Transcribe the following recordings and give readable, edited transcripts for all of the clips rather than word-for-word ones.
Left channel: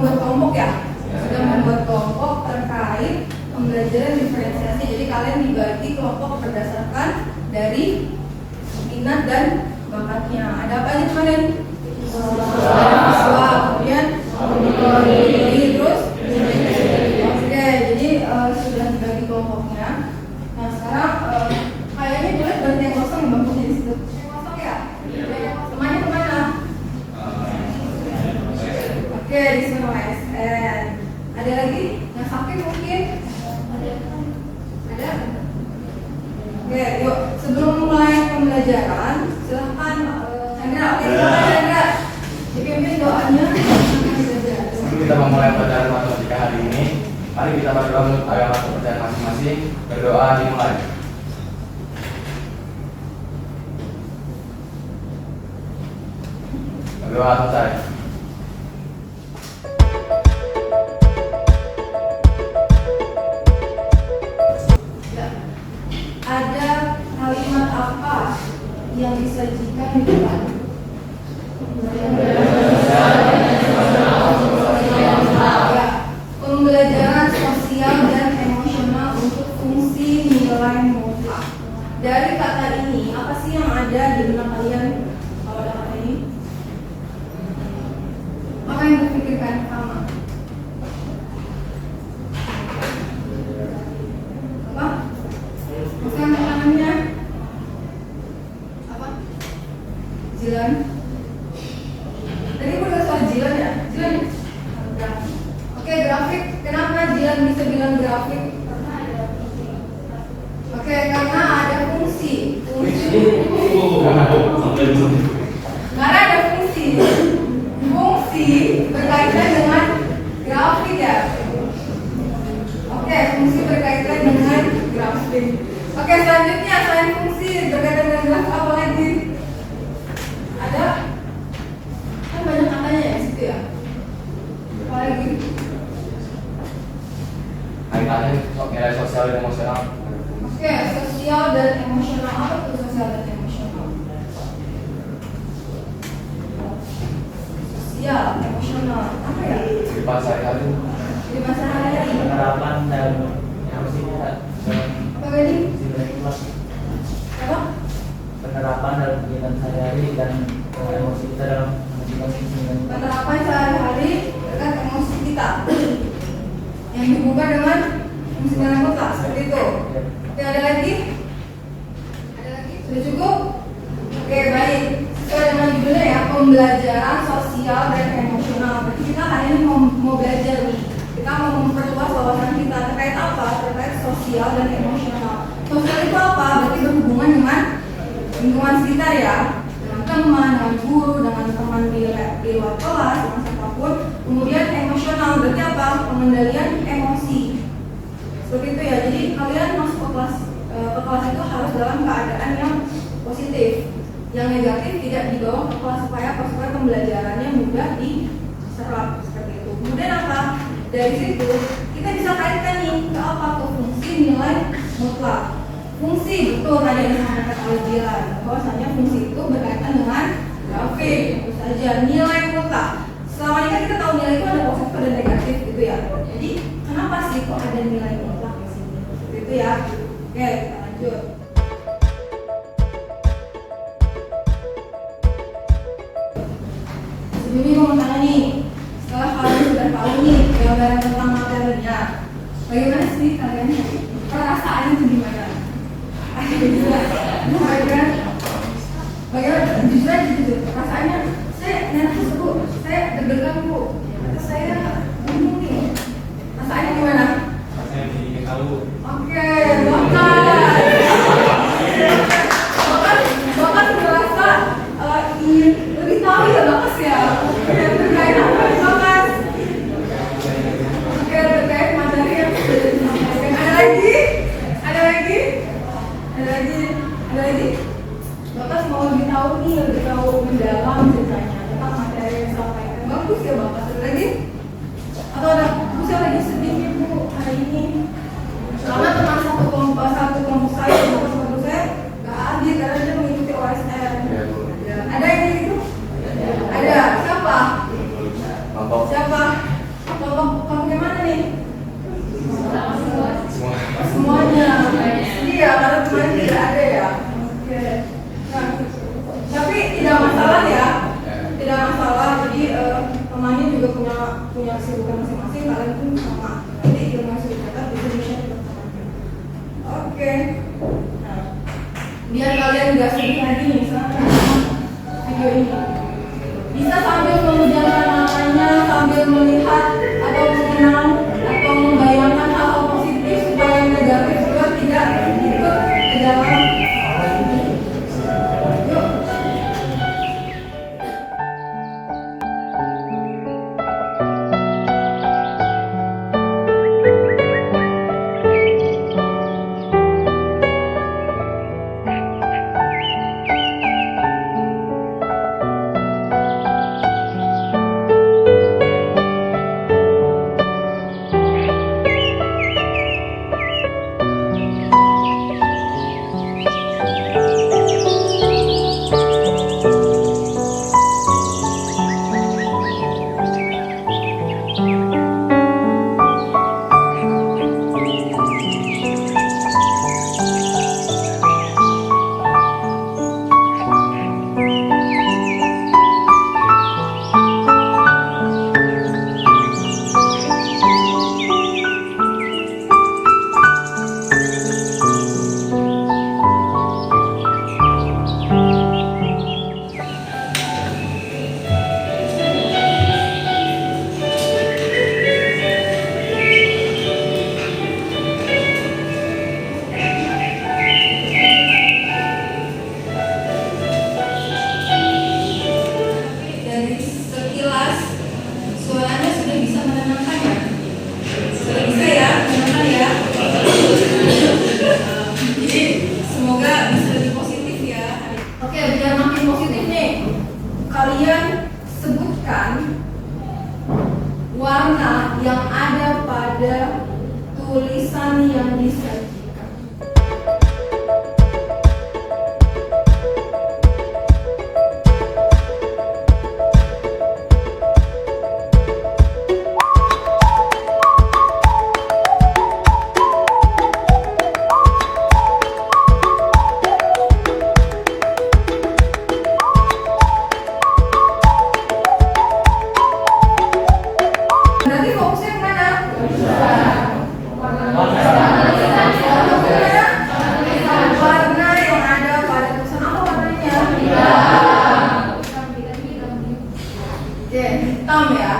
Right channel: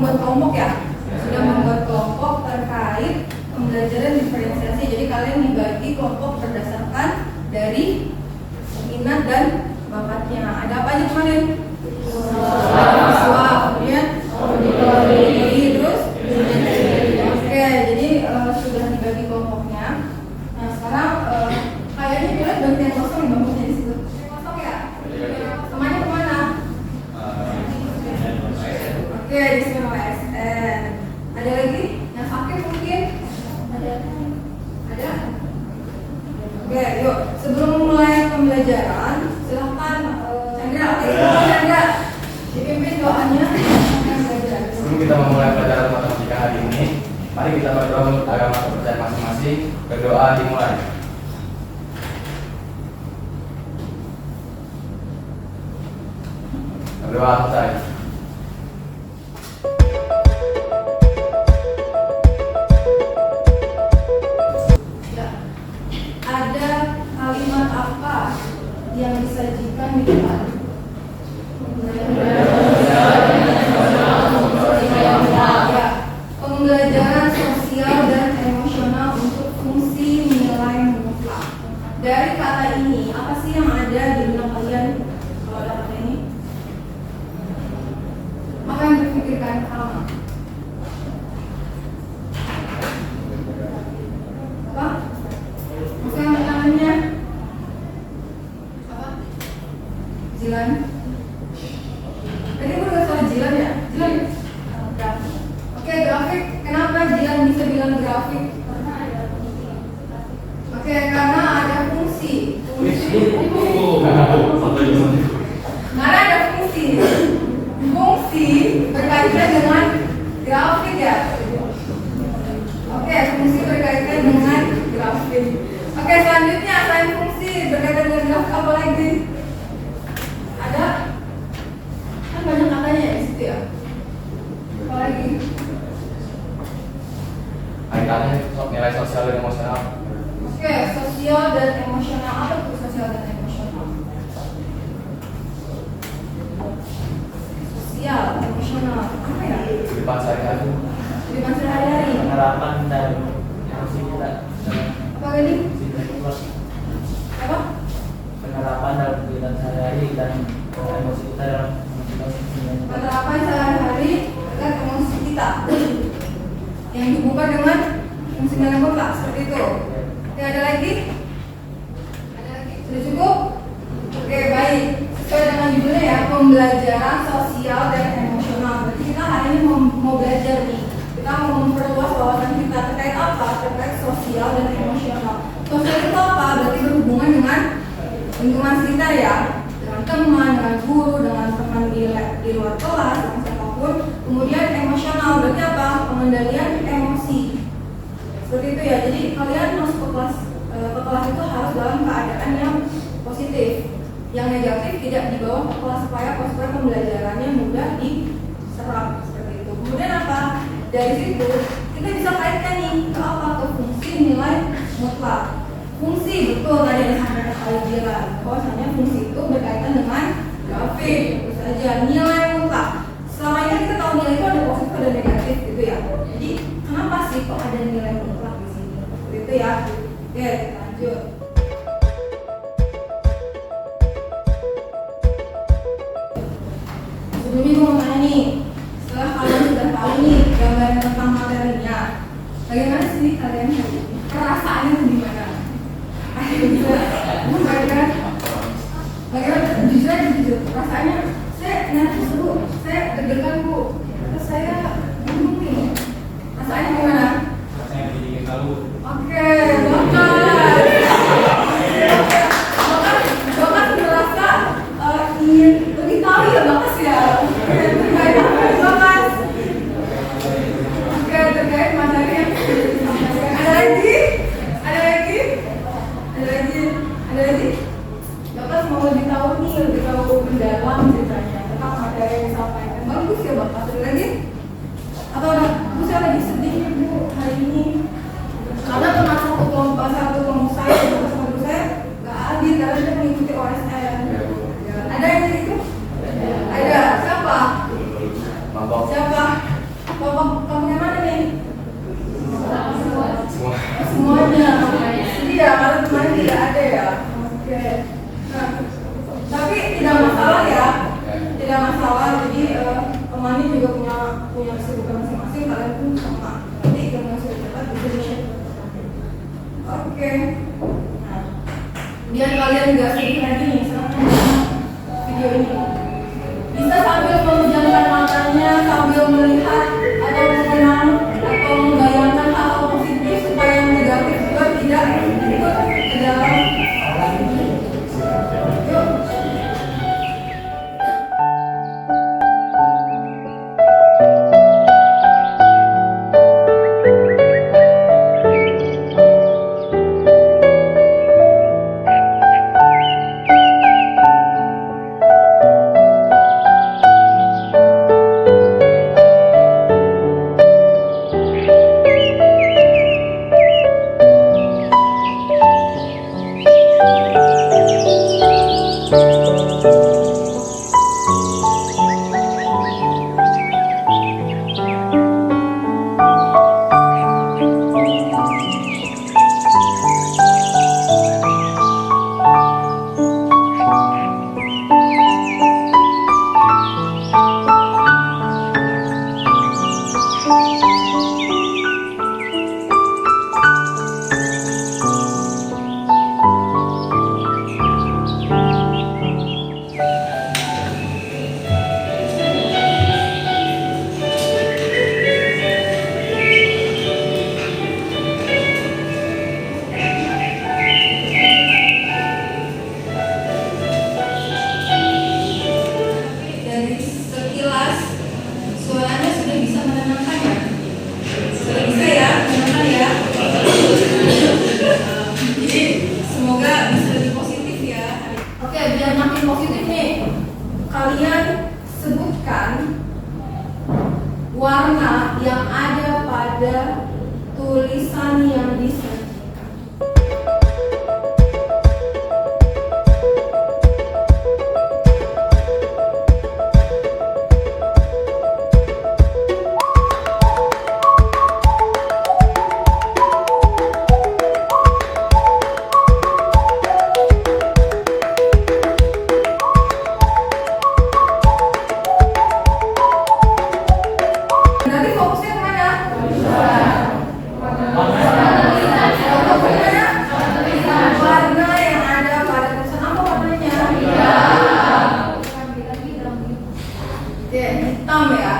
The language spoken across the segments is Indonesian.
membuat kelompok ya? Sudah membuat kelompok terkait pembelajaran diferensiasi. Jadi kalian dibagi kelompok berdasarkan dari minat dan bakatnya. Ada apa aja kemarin? Visual, kemudian terus oke, jadi sudah dibagi kelompoknya. Nah sekarang kayaknya boleh bantu yang kosong yang bangkunya di situ. Kosong ya? Temannya kemana? Oke, di semua SN. Ada lagi? Yang sakit mungkin? Ada? Oke, yuk. Sebelum mulai pembelajaran, silahkan Chandra, Chandra, dipimpin doanya. Sebelum kita memulai pelajaran matematika hari ini, mari kita berdoa untuk agama kepercayaan masing-masing. Berdoa dimulai. Berdoa selesai. Ada kalimat apa yang disajikan di depan? Pembelajaran sosial dan emosional untuk fungsi nilai mutlak. Dari kata ini, apa sih yang ada di benak kalian kalau ada kata ini? Apa yang terpikirkan pertama? Apa? Bukan tangannya? Apa? Jilan? Tadi aku udah soal jilan ya? Jilan? Grafik. Oke, grafik. Kenapa jilan bisa bilang grafik? Karena ada fungsi. Oke, karena ada fungsi. Karena ada fungsi. Fungsi berkaitan dengan grafik ya. Oke, fungsi berkaitan dengan grafik. Oke, selanjutnya selain fungsi berkaitan dengan grafik apa lagi? Ada? Kan banyak katanya ya di situ ya. Apa lagi? Kaitannya nilai sosial dan emosional. Oke, sosial dan emosional. Apa itu sosial dan emosional? Sosial, emosional. Apa ya? Kehidupan sehari-hari. Kehidupan sehari-hari. Penerapan dan emosi kita. Apa tadi? Apa? Penerapan dan kegiatan sehari-hari dan emosi kita dalam masing-masing. Penerapan sehari-hari terkait emosi kita yang dibuka dengan fungsi dalam mutlak seperti itu. Oke, ada lagi? Ada lagi? Sudah cukup? Oke, baik. Sesuai dengan judulnya ya, pembelajaran sosial dan emosional. Berarti kita hari ini mau belajar nih. Kita mau memperluas wawasan kita terkait apa? Terkait sosial dan emosional. Sosial itu apa? Berarti berhubungan dengan lingkungan sekitar ya, dengan teman, dengan guru, dengan teman di luar kelas, dengan siapapun. Kemudian emosional berarti apa? Pengendalian emosi. Seperti itu ya. Jadi kalian masuk ke kelas itu harus dalam keadaan yang positif. Yang negatif tidak dibawa ke kelas supaya pembelajarannya mudah diserap seperti itu. Kemudian apa? Dari situ kita bisa kaitkan nih ke apa? Ke fungsi nilai mutlak. Fungsi betul tadi yang disampaikan oleh Dilan. Bahwasanya fungsi itu berkaitan dengan grafik. Tentu saja nilai mutlak. Selama ini kan kita tahu nilai itu ada positif ada negatif gitu ya. Jadi kenapa sih kok ada nilai mutlak di sini? Seperti itu ya. Oke, kita lanjut. Sebelumnya gue mau tanya nih, setelah kalian sudah tahu nih gambaran tentang materinya, bagaimana sih kalian perasaannya itu gimana? Bagaimana? Jujur, perasaannya saya nervous bu, saya deg-degan bu, terus saya bingung nih. Perasaannya gimana? Rasanya bikin tahu. Oke, bahkan merasa ingin lebih tahu ya bakas ya. Terkait apa nih bakas? Oke, terkait materi yang sudah disampaikan. Ada lagi? Bakas mau lebih tahu nih, lebih tahu mendalam ceritanya tentang materi yang disampaikan. Bagus ya bakas. Ada lagi? Atau ada? Bu saya lagi sedih nih bu hari ini. Karena teman satu kelompok saya, teman saya nggak hadir karena dia mengikuti OSN. Ada yang gitu? Ada. Siapa? Kelompok. Siapa? tidak ada ya. Oke. Nah, tapi tidak masalah ya. Tidak masalah. Jadi temannya juga punya kesibukan masing-masing. Kalian pun sama. Nanti ilmu yang sudah dicatat bisa di-share ke teman-teman. Oke. Nah, biar kalian nggak sedih lagi nih sama video ini. Bisa sambil memejamkan matanya, sambil melihat atau mengenang atau membayangkan hal-hal positif supaya yang negatif juga tidak ikut ke dalam ini. Yuk. Dari sekilas suaranya sudah bisa menenangkan ya? Sudah bisa ya, menenangkan ya? Jadi semoga bisa lebih positif ya. Oke, biar makin positif nih, kalian sebutkan warna yang ada pada tulisan yang disajikan. Nanti fokusnya kemana? Warna yang ada pada tulisan apa warnanya? Oke, hitam ya.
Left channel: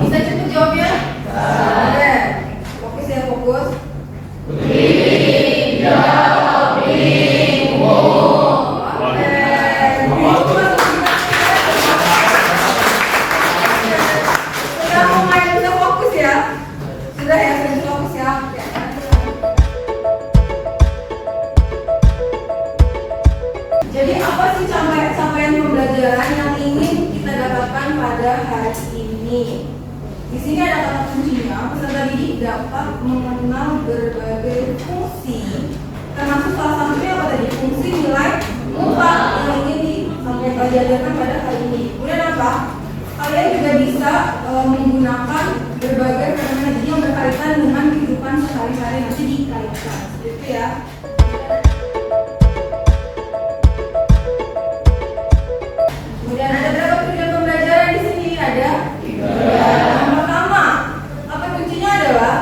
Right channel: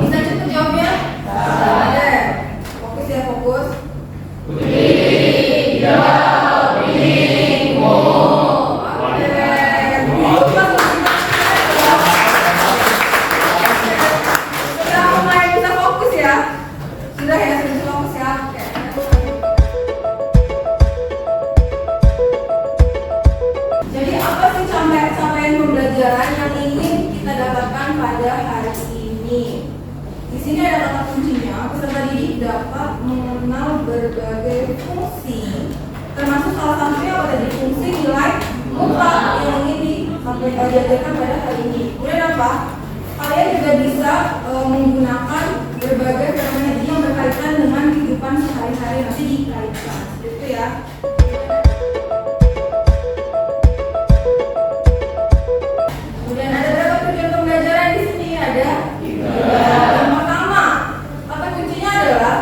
Bisa cepet jawabnya? Oke, fokus ya, fokus. Sudah mulai bisa fokus ya? Sudah ya, sudah bisa fokus ya? Oke. Jadi apa sih capaian pembelajaran yang ingin kita dapatkan pada hari ini? Di sini ada kata kuncinya, peserta didik dapat mengenal berbagai fungsi, termasuk salah satunya apa tadi? Fungsi nilai muka yang ingin diajarkan pada hari ini. Kemudian apa? Kalian juga bisa menggunakan berbagai fenomena didik yang berkaitan dengan kehidupan sehari-hari, nanti dikaitkan, gitu ya. Kemudian ada berapa tujuan pembelajaran di sini? Ada tiga. Yang pertama, kata kuncinya adalah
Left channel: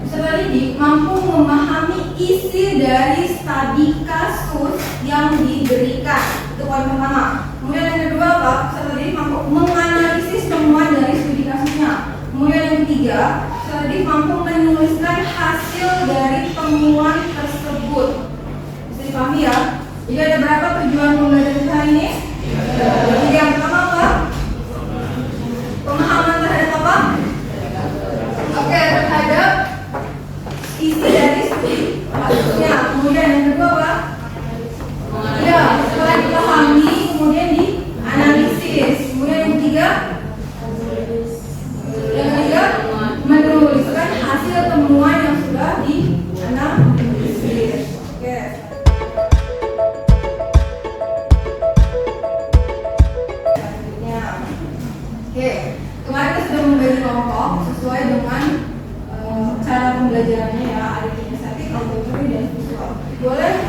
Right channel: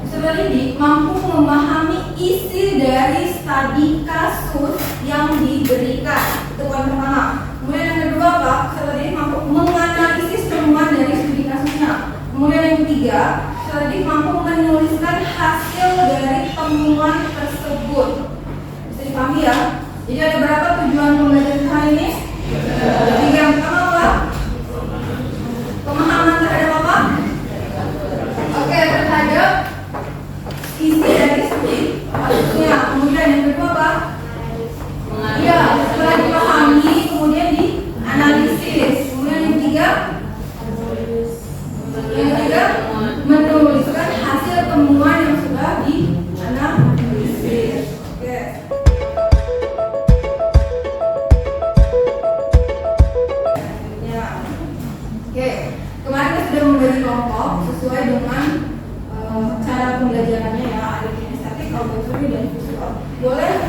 peserta didik mampu memahami isi dari studi kasus yang diberikan. Itu poin pertama. Kemudian yang kedua apa? Peserta didik mampu menganalisis temuan dari studi kasusnya. Kemudian yang ketiga, peserta didik mampu menuliskan hasil dari temuan tersebut. Bisa dipahami ya? Jadi ada berapa tujuan pembelajaran hari ini? Jadi yang pertama apa? Pemahaman terhadap apa? Oke, terhadap isi dari studi kasusnya. Kemudian yang kedua apa? Ya, setelah dipahami kemudian dianalisis. Kemudian yang ketiga menuliskan hasil temuan yang sudah dianalisis. Oke. Oke, kemarin kita sudah membagi kelompok sesuai dengan cara pembelajarannya ya, ada kinestetik, auditory, dan visual. Boleh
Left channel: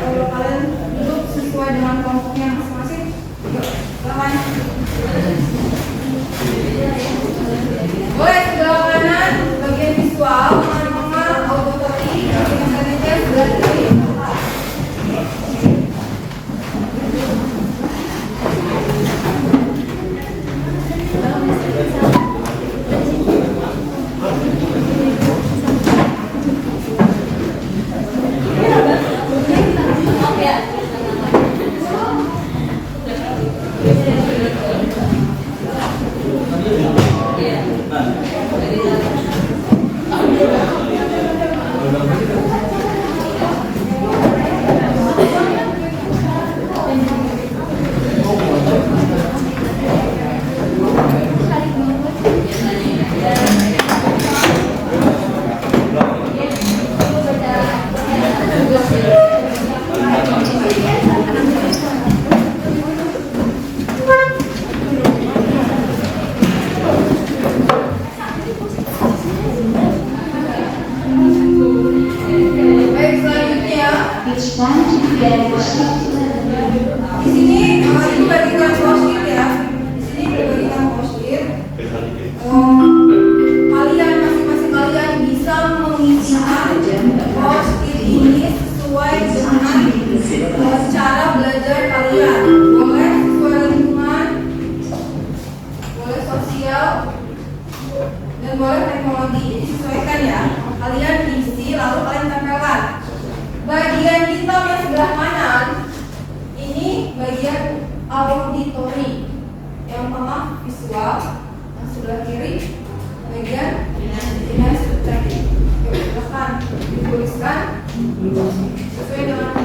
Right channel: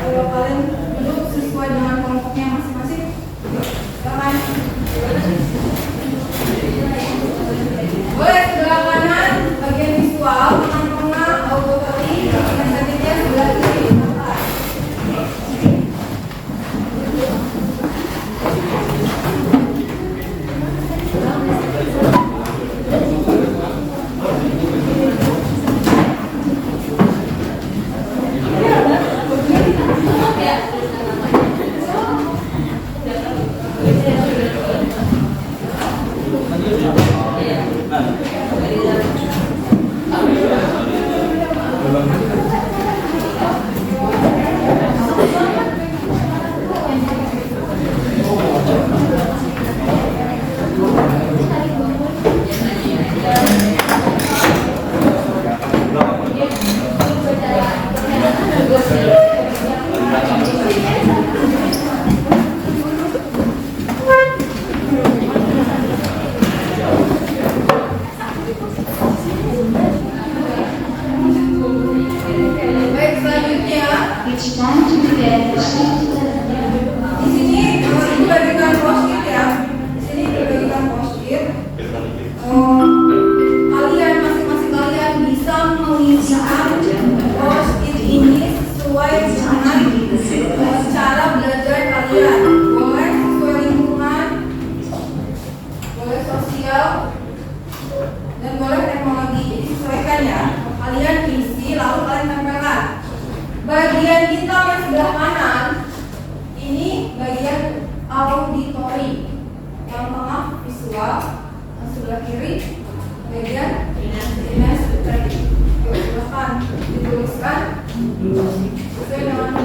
Di sini ibu bagikan post-it ya. Di sini ibu bagikan post-it. Kalian masing-masing kalian bisa mengisikan post-it ini sesuai dengan cara belajar kalian. Boleh sesuai lingkungan, boleh sosial, dan boleh teknologi. Jadi sesuaikan ya. Kalian isi lalu kalian tempelkan. Bagian hitam yang sebelah kanan ini bagian auditory, yang tengah visual, yang sebelah kiri bagian tadi. Silakan dituliskan sesuai dengan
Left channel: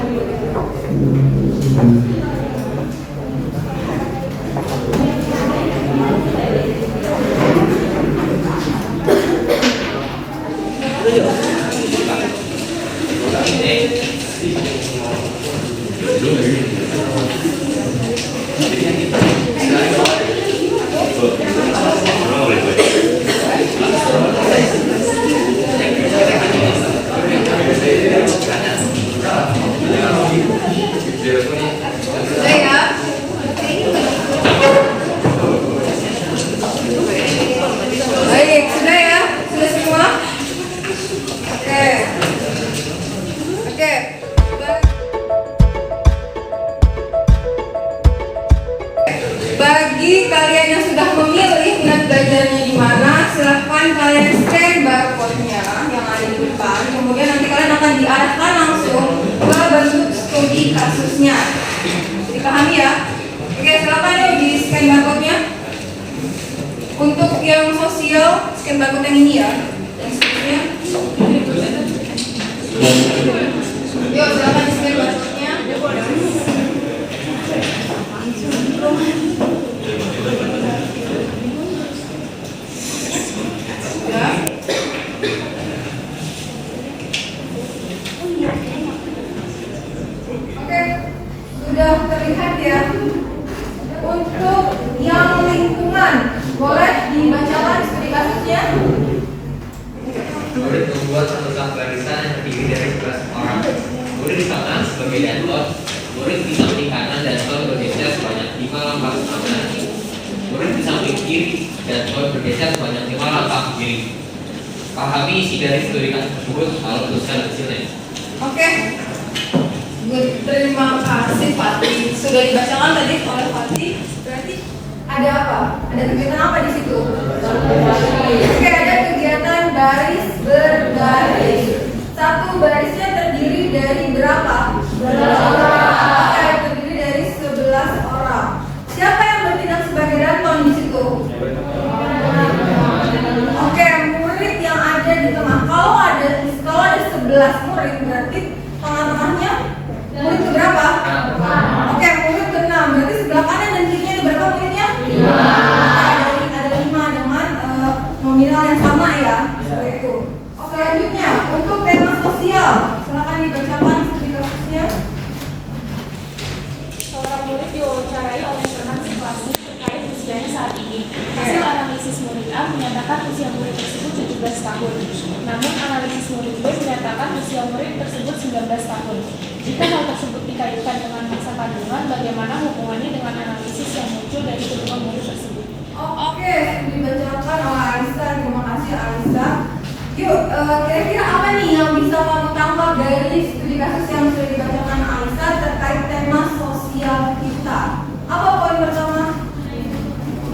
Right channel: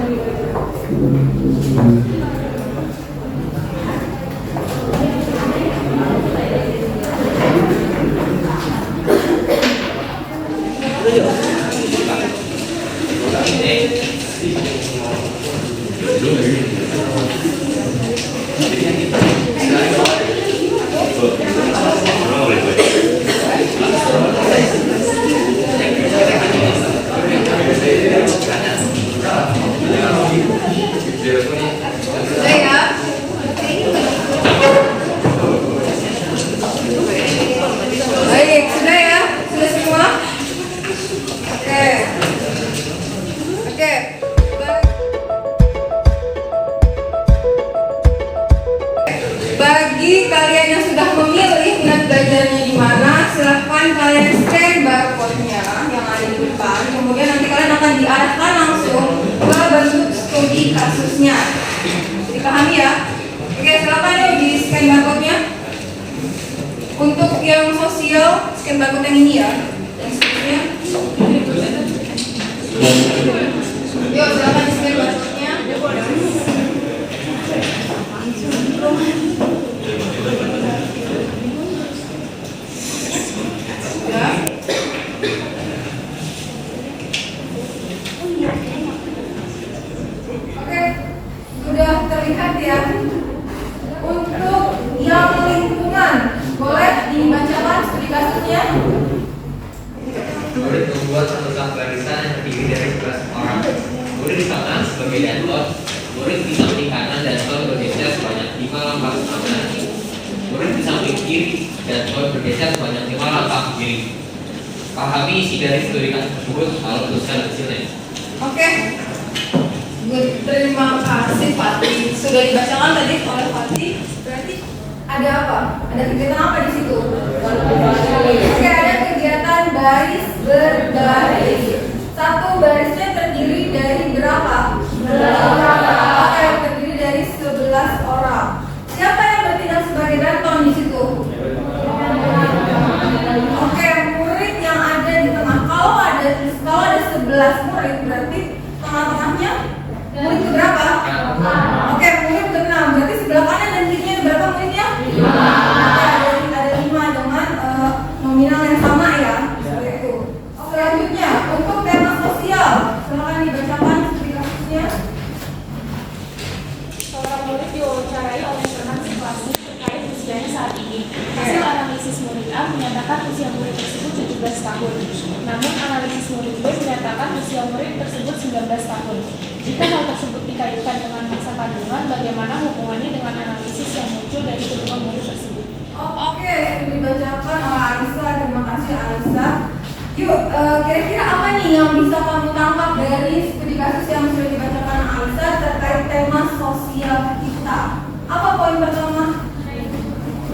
sudah ya. Baik, sudah ya? Sudah semua? Oke. Bagi kalian yang sudah memilih minat belajarnya di mana, silahkan kalian scan barcode-nya yang ada di depan. Kemudian nanti kalian akan diarahkan langsung ke bentuk studi kasusnya. Dipahami ya? Oke, silakan yuk di scan barcode-nya. Untuk yang sosial, scan barcode yang ini ya. Yang seterusnya. Yuk, silakan di scan barcode-nya. Sudah. Oke, sudah terlihat ya. Untuk yang lingkungan, boleh dibacakan studi kasusnya. Murid membuat satu sak barisan yang terdiri dari 11 orang. Murid di tengah sebagai danlot. Murid di samping kanan dan danlot bergeser sebanyak 5 langkah ke kanan. Murid di samping kiri dan danlot bergeser sebanyak 5 langkah ke kiri. Pahami isi dari studi kasus tersebut lalu tuliskan hasilnya. Oke. Terima kasih Fatih. Sudah dibacakan tadi oleh Fatih. Berarti ada apa? Ada kegiatan apa di situ? Oke, ada kegiatan baris berbaris. Satu barisnya terdiri dari berapa? Oke, terdiri dari 11 orang. Siapa yang bertindak sebagai danton di situ? Oke, murid yang ada di tengah. Kalau ada 11 murid, berarti tengah-tengahnya murid ke berapa? Oke, murid ke 6. Berarti sebelah kanan dan kirinya itu berapa muridnya? 5. Ada 5 dengan nominal yang sama ya. Seperti itu. Oke, selanjutnya untuk tema sosial, silakan dibacakan studi kasusnya. Seorang murid diwawancarai oleh teman sekelasnya terkait usianya saat ini. Hasil analisis murid A menyatakan usia murid tersebut 17 tahun. Namun analisis murid B menyatakan usia murid tersebut 19 tahun. Jika hal tersebut dikaitkan dengan masa kandungan, bagaimana hubungannya dengan analisis yang muncul dari kedua murid tersebut? Oke, dibacakan oleh Alisa. Terima kasih Alisa. Yuk, kira-kira apa nih yang bisa kamu tangkap dari studi kasus yang sudah dibacakan Alisa terkait tema sosial kita? Apa poin pertama?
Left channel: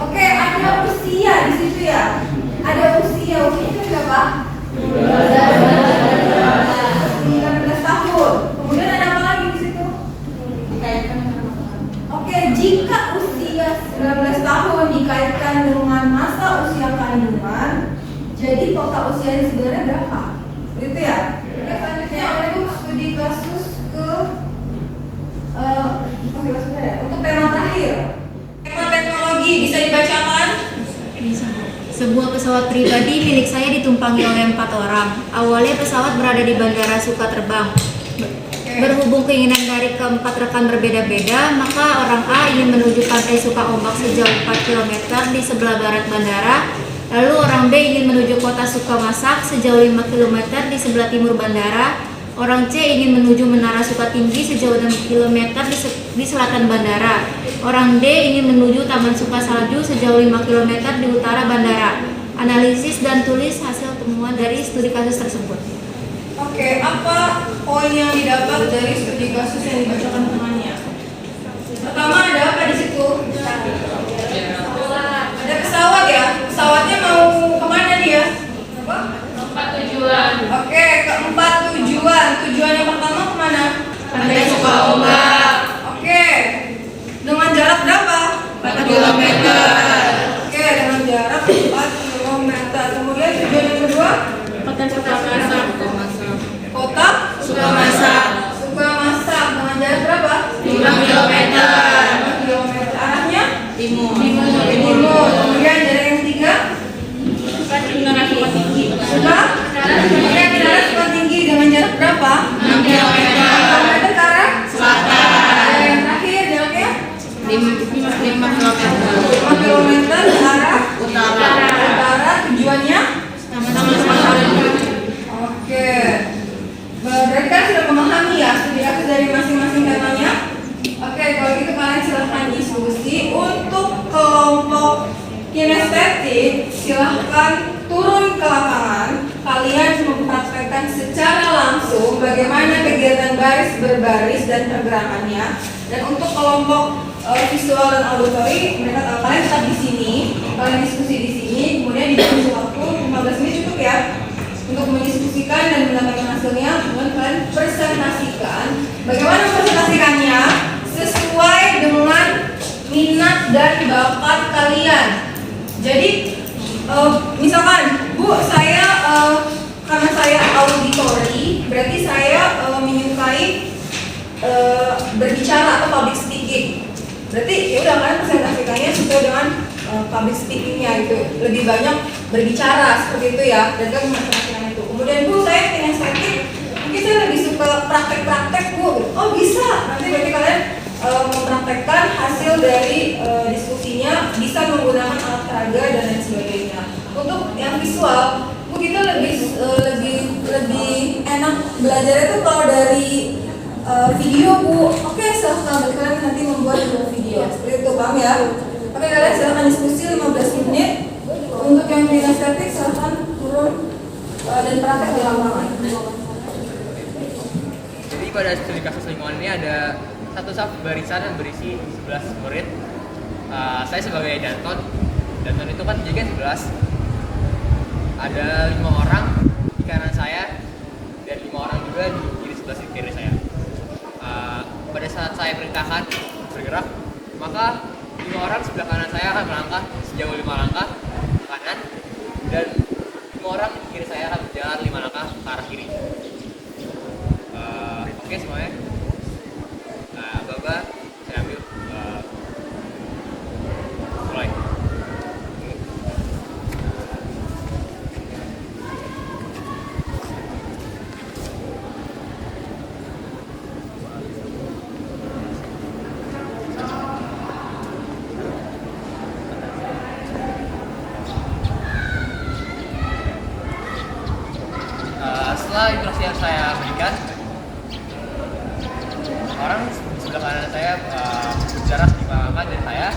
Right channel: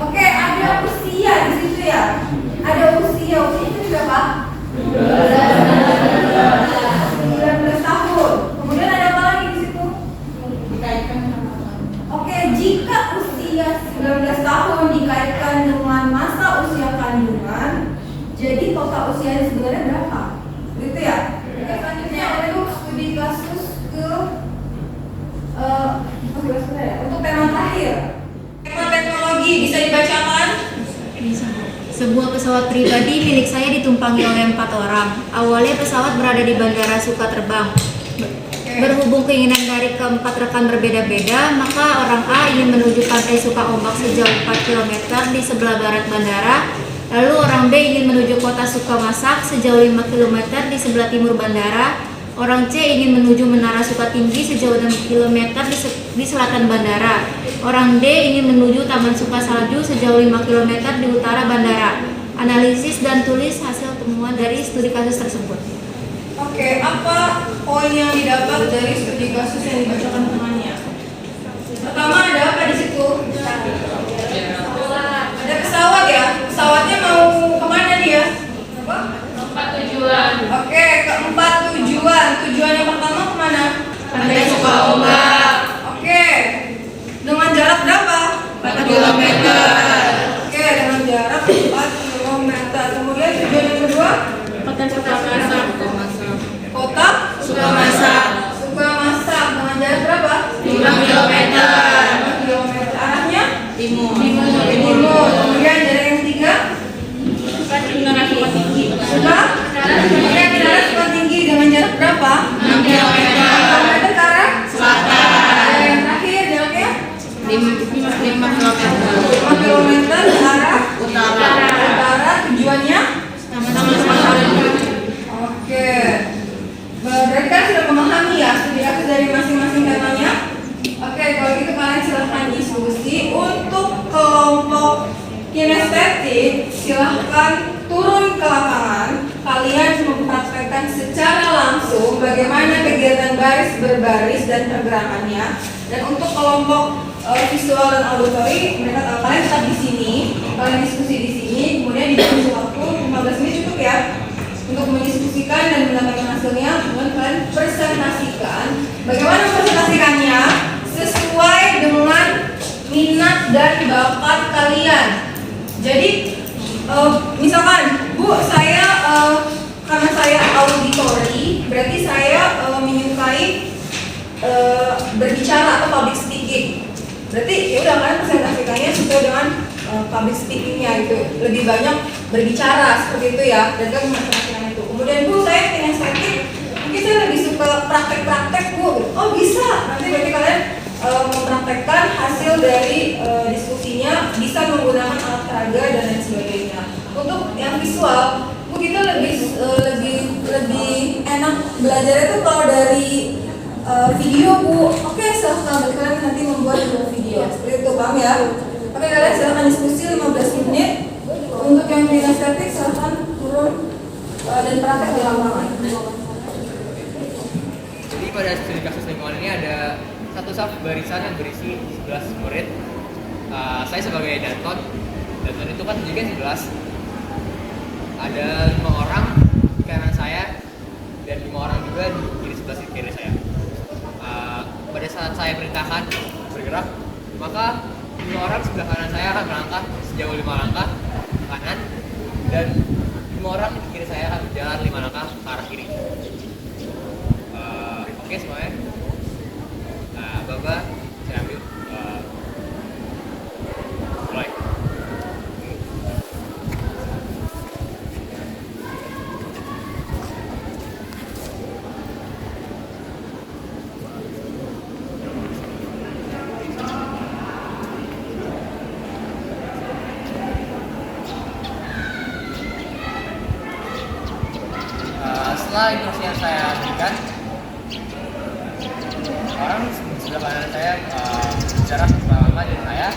Oke, ada usia di situ ya. Ada usia itu berapa? 19 tahun. Kemudian ada apa lagi di situ? Oke, jika usia 19 tahun dikaitkan dengan masa usia kandungan, jadi total usianya sebenarnya berapa? Begitu ya? Oke, selanjutnya untuk studi kasus ke untuk tema terakhir. Tema teknologi bisa dibacakan? Sebuah pesawat pribadi milik saya ditumpangi oleh 4 orang. Awalnya pesawat berada di Bandara Sukaterbang. Berhubung keinginan dari keempat rekan berbeda-beda, maka orang A ingin menuju pantai Sukaombak sejauh 4 km di sebelah barat bandara. Lalu orang B ingin menuju kota Sukamasak sejauh 5 km di sebelah timur bandara. Orang C ingin menuju Menara Sukatinggi sejauh 6 km di selatan bandara. Orang D ingin menuju Taman Sukasalju sejauh 5 km di utara bandara. Analisis dan tulis hasil temuan dari studi kasus tersebut. Oke, apa poin yang didapat dari studi kasus yang dibacakan temannya? Pertama, ada apa di situ? Ada pesawat ya. Pesawatnya mau kemana dia? Apa? Tempat tujuan. Oke, keempat tujuan. Tujuan yang pertama kemana? Pantai Sukaombak. Oke. Dengan jarak berapa? 4 kilometer. Oke, dengan jarak 4 km. Kemudian tujuan yang kedua? Kota Sukamasak. Kota Sukamasak. Sukamasak. Dengan jarak berapa? 5 kilometer. 5 km. Arahnya? Timur. Timur. Kemudian jarak yang ketiga? Menara Sukatinggi. Menara Sukatinggi dengan jarak berapa? 6 kilometer. Kilometer ke arah? Selatan. Yang terakhir jaraknya? 5 kilometer. 5 km ke arah? Utara. Utara. Tujuannya? Sama-sama. Oke. Berarti kan sudah memahami ya studi kasus dari masing-masing temanya. Oke, kalau gitu kalian silahkan diskusi. Untuk kelompok kinestetik, silahkan turun ke lapangan. Kalian mempraktekkan secara langsung bagaimana kegiatan baris berbaris dan pergerakannya. Dan untuk kelompok visual dan auditory, mereka kalian tetap di sini, kalian diskusi di sini. Kemudian diberi waktu 15 menit cukup ya untuk mendiskusikan dan mendapatkan hasilnya. Kemudian kalian presentasikan. Bagaimana presentasikannya? Sesuai dengan minat dan bakat kalian. Jadi misalkan, Bu, saya karena saya auditory, berarti saya menyukai berbicara atau public speaking. Berarti ya udah kalian presentasikannya sesuai dengan public speakingnya itu, lebih banyak berbicara seperti itu ya. Dan kan presentasikan itu. Kemudian, Bu, saya kinestetik, mungkin saya lebih suka praktek-praktek, Bu. Oh bisa, nanti berarti kalian mempraktekkan hasil dari diskusinya, bisa menggunakan alat peraga dan lain sebagainya. Untuk yang visual, Bu, kita lebih enak belajar itu kalau dari video, Bu. Oke, silahkan kalian nanti membuat video seperti itu, paham ya? Oke, kalian silahkan diskusi 15 menit. Untuk yang kinestetik silahkan turun dan praktek di lapangan. Jadi pada studi kasus lingkungan ini ada satu saf barisan yang berisi 11 murid. Saya sebagai Danton itu kan juga 11. Ada 5 orang di kanan saya dan 5 orang juga di kiri sebelah kiri saya. Pada saat saya perintahkan bergerak, maka 5 orang sebelah kanan saya akan melangkah sejauh 5 langkah ke kanan, dan 5 orang di kiri saya akan berjalan 5 langkah ke arah kiri. Oke semuanya. Baba, saya ambil mulai. Setelah instruksi yang saya berikan, orang sebelah kanan saya berjarak 5 langkah dari saya,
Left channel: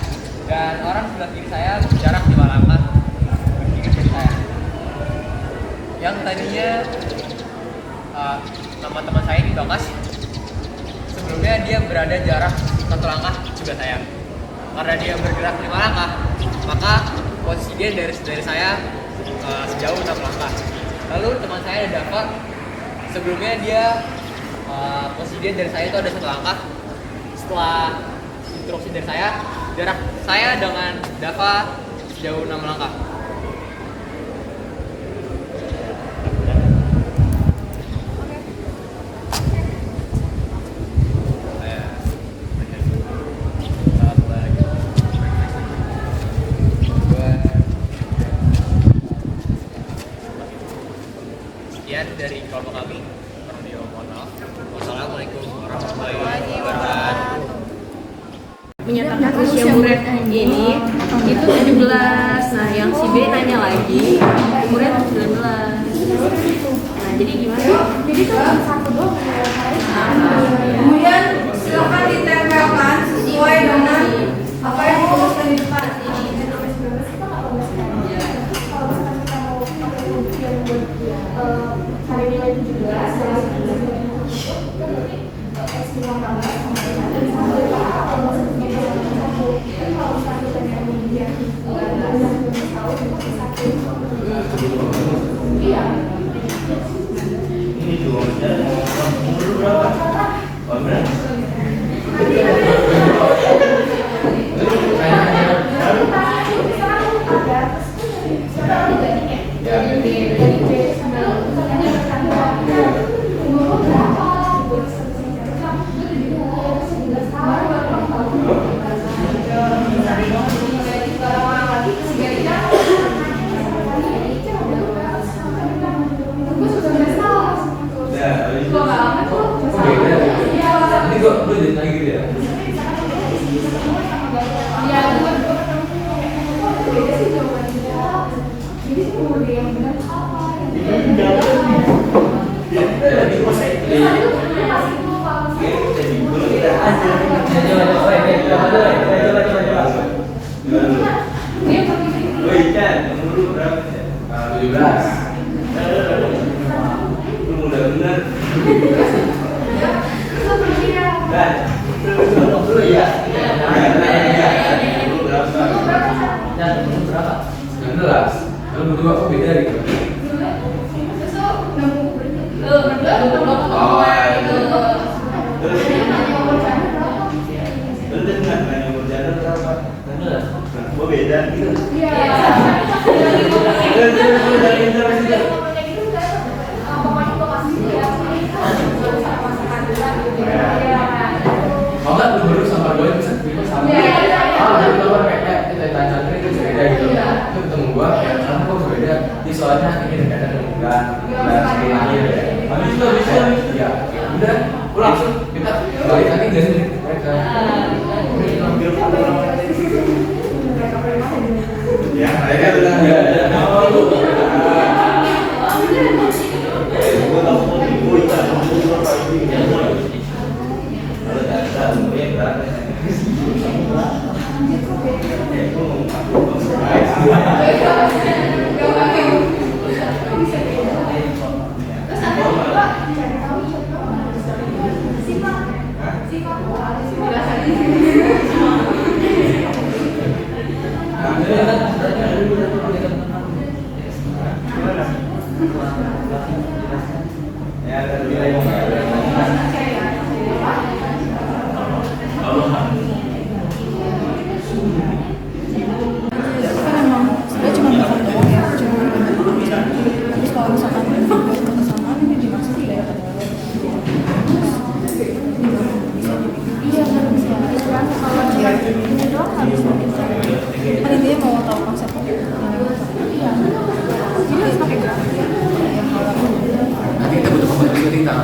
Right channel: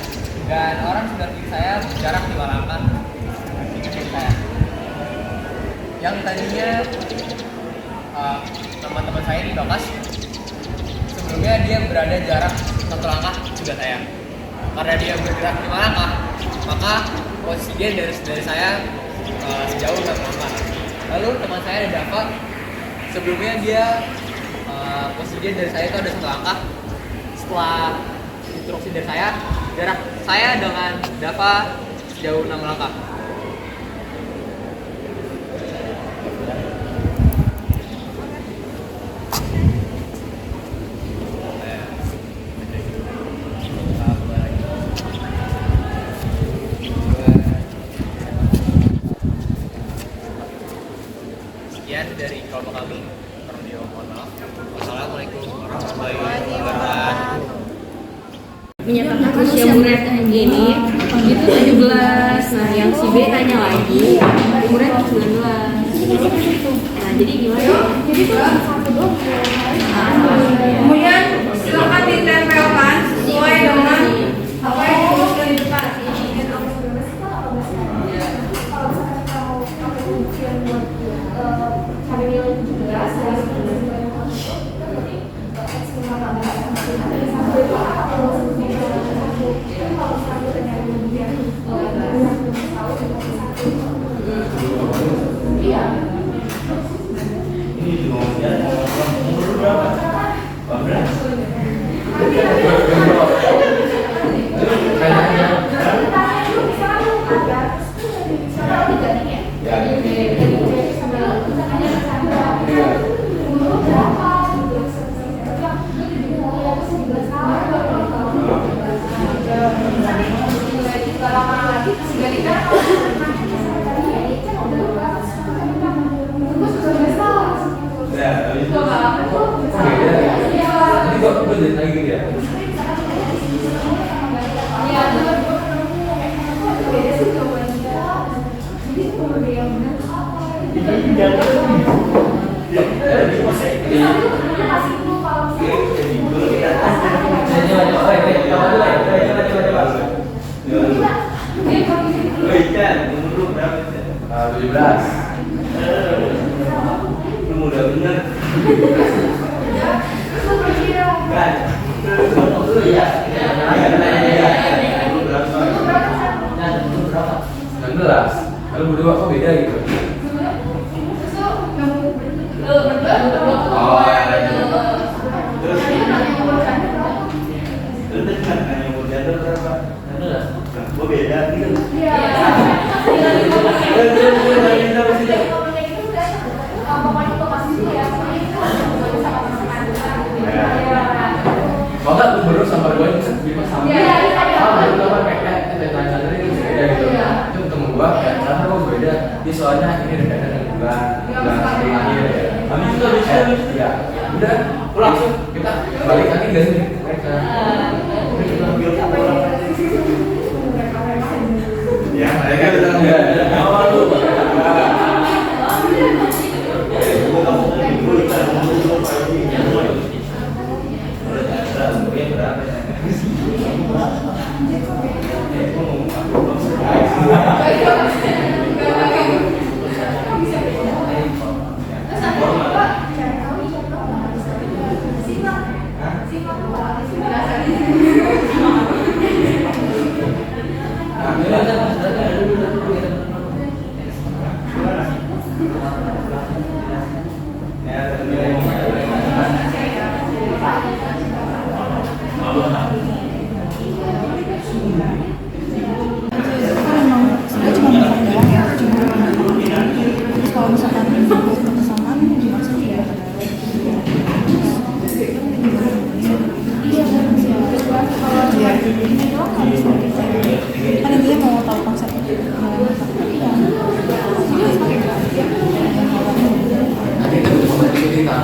dan orang sebelah kiri saya berjarak 5 langkah dari saya. Yang tadinya teman-teman saya di Bakas, sebelumnya dia berada jarak 1 langkah juga saya. Karena dia bergerak 5 langkah, maka posisi dia dari saya sejauh 6 langkah. Lalu teman saya ada Dava, sebelumnya dia posisi dia dari saya itu ada 1 langkah. Setelah instruksi dari saya, jarak saya dengan Dava sejauh 6 langkah. Sekian dari kelompok kami. Mohon maaf. Wassalamualaikum warahmatullahi wabarakatuh. Menyatakan usia murid ini itu 17. Nah, yang si B tanya lagi, murid 19. Nah, jadi gimana? Jadi tuh satu doang. Kemudian silakan ditempelkan sesuai dengan apa yang diusulkan di depan. Kalau misalkan kita mau pakai ujian buat hari nilai 17 dari 19 itu berarti X 15 sama dengan kalau misalnya kalau misalnya kita ujian iya. Ini cuma umur berapa? Kalau berdua kok beda gitu? Oh, beda gitu. Kalau nggak lu baru sama gue yang bisa sama. Baru keluar kayak kita tanya tadi itu beda gitu. Itu ketemu gua kayak karena kok beda. Dia soalnya ini dekat dengan bulan sebelum akhir ya. Habis itu bisa ya. Udah langsung kita balik lagi gas mereka. Ya, mereka udah enggak ada. Nanti kita butuh pembantu kita.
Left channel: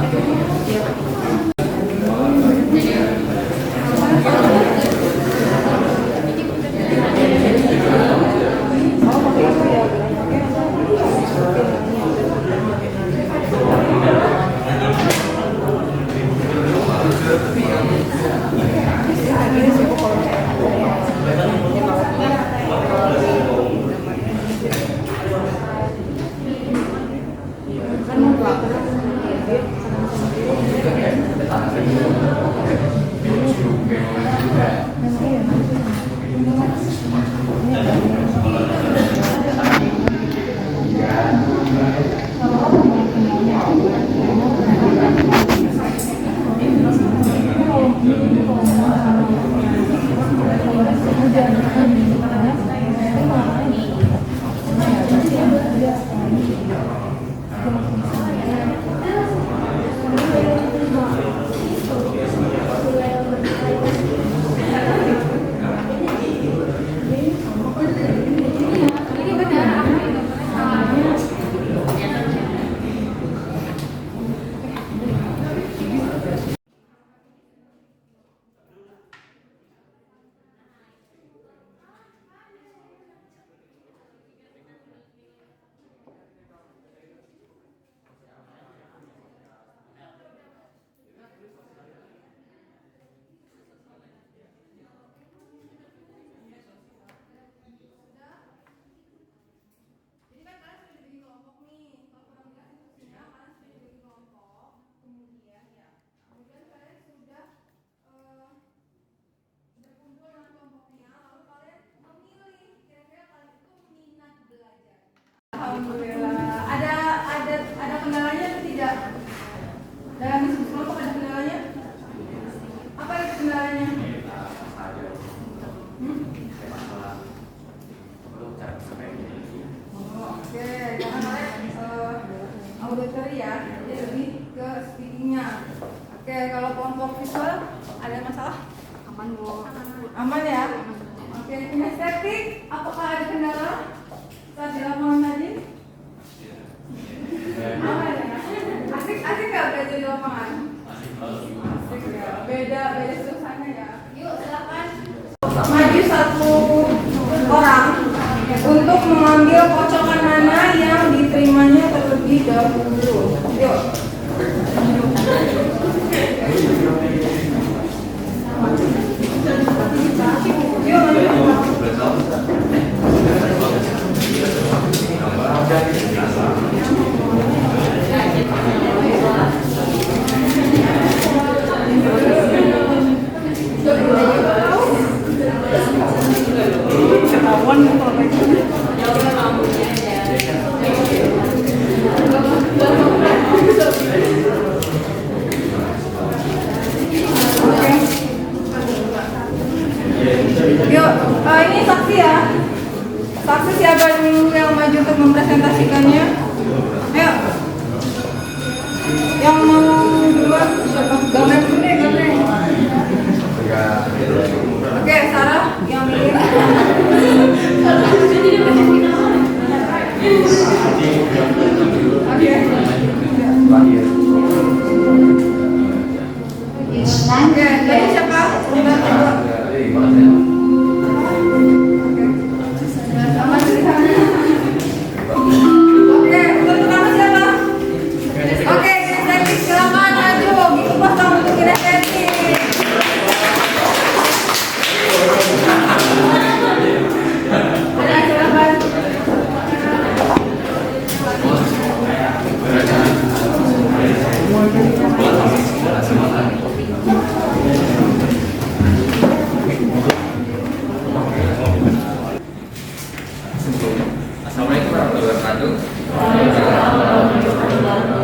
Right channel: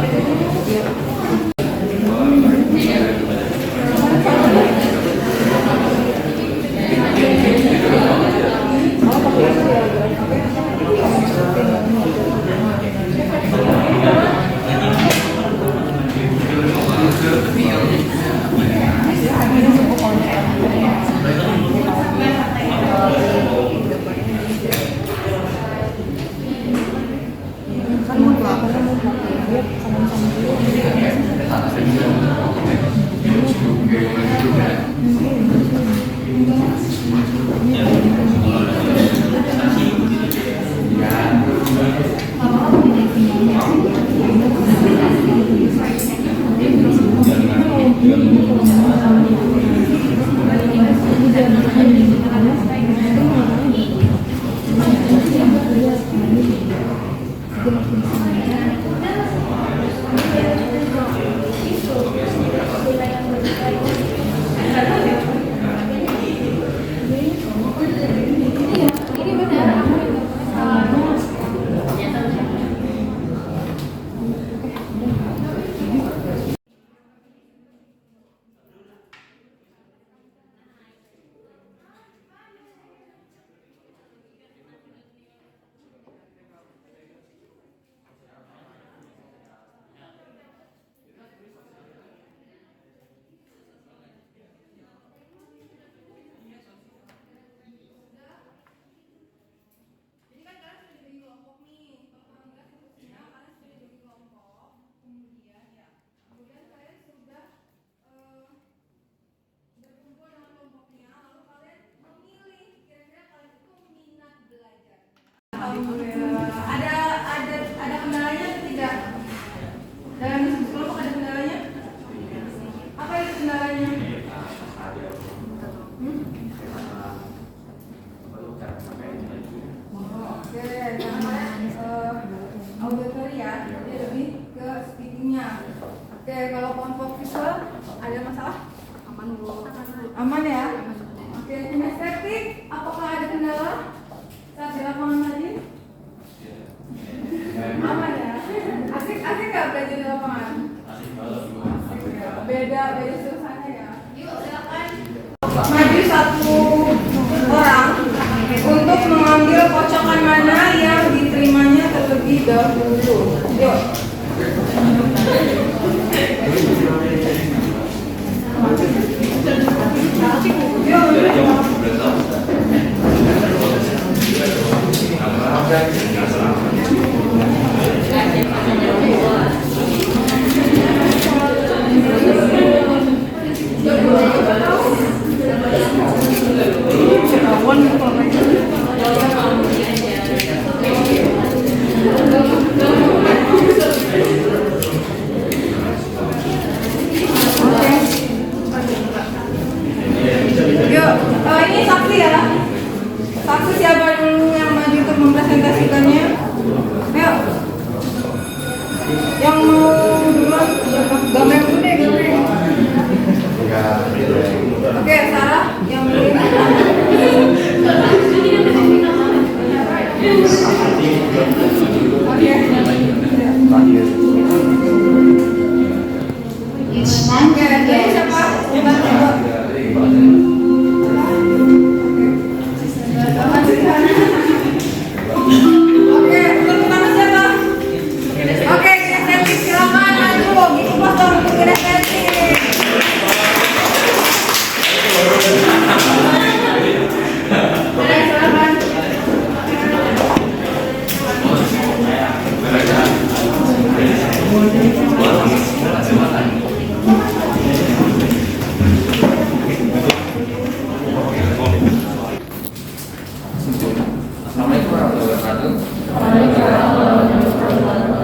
kelompok visual ada masalah? Aman Bu. Aman ya? Oke, kinestetik, apakah ada kendala saat di lapangan tadi? Aman ya? Asik nggak belajar di lapangan? Asik ya. Beda suasana ya. Yuk silakan. Maju satu orang untuk mengambil kocokan mana yang diterimanya terlebih dahulu. Yuk. Yuk, ini saksi ya. Saksi siapa yang maju untuk mempresentasikannya? Ayo. Yang mau duluan, gambreng dulu deh, gambreng. Oke, Sarah yang dulu. Oke. Oke, tadi siapa? Oke, untuk pertama siapa? Oke, kinestetik silakan maju. Gitu pas dong untuk kinestetik. Ada silakan. Assalamualaikum warahmatullahi wabarakatuh.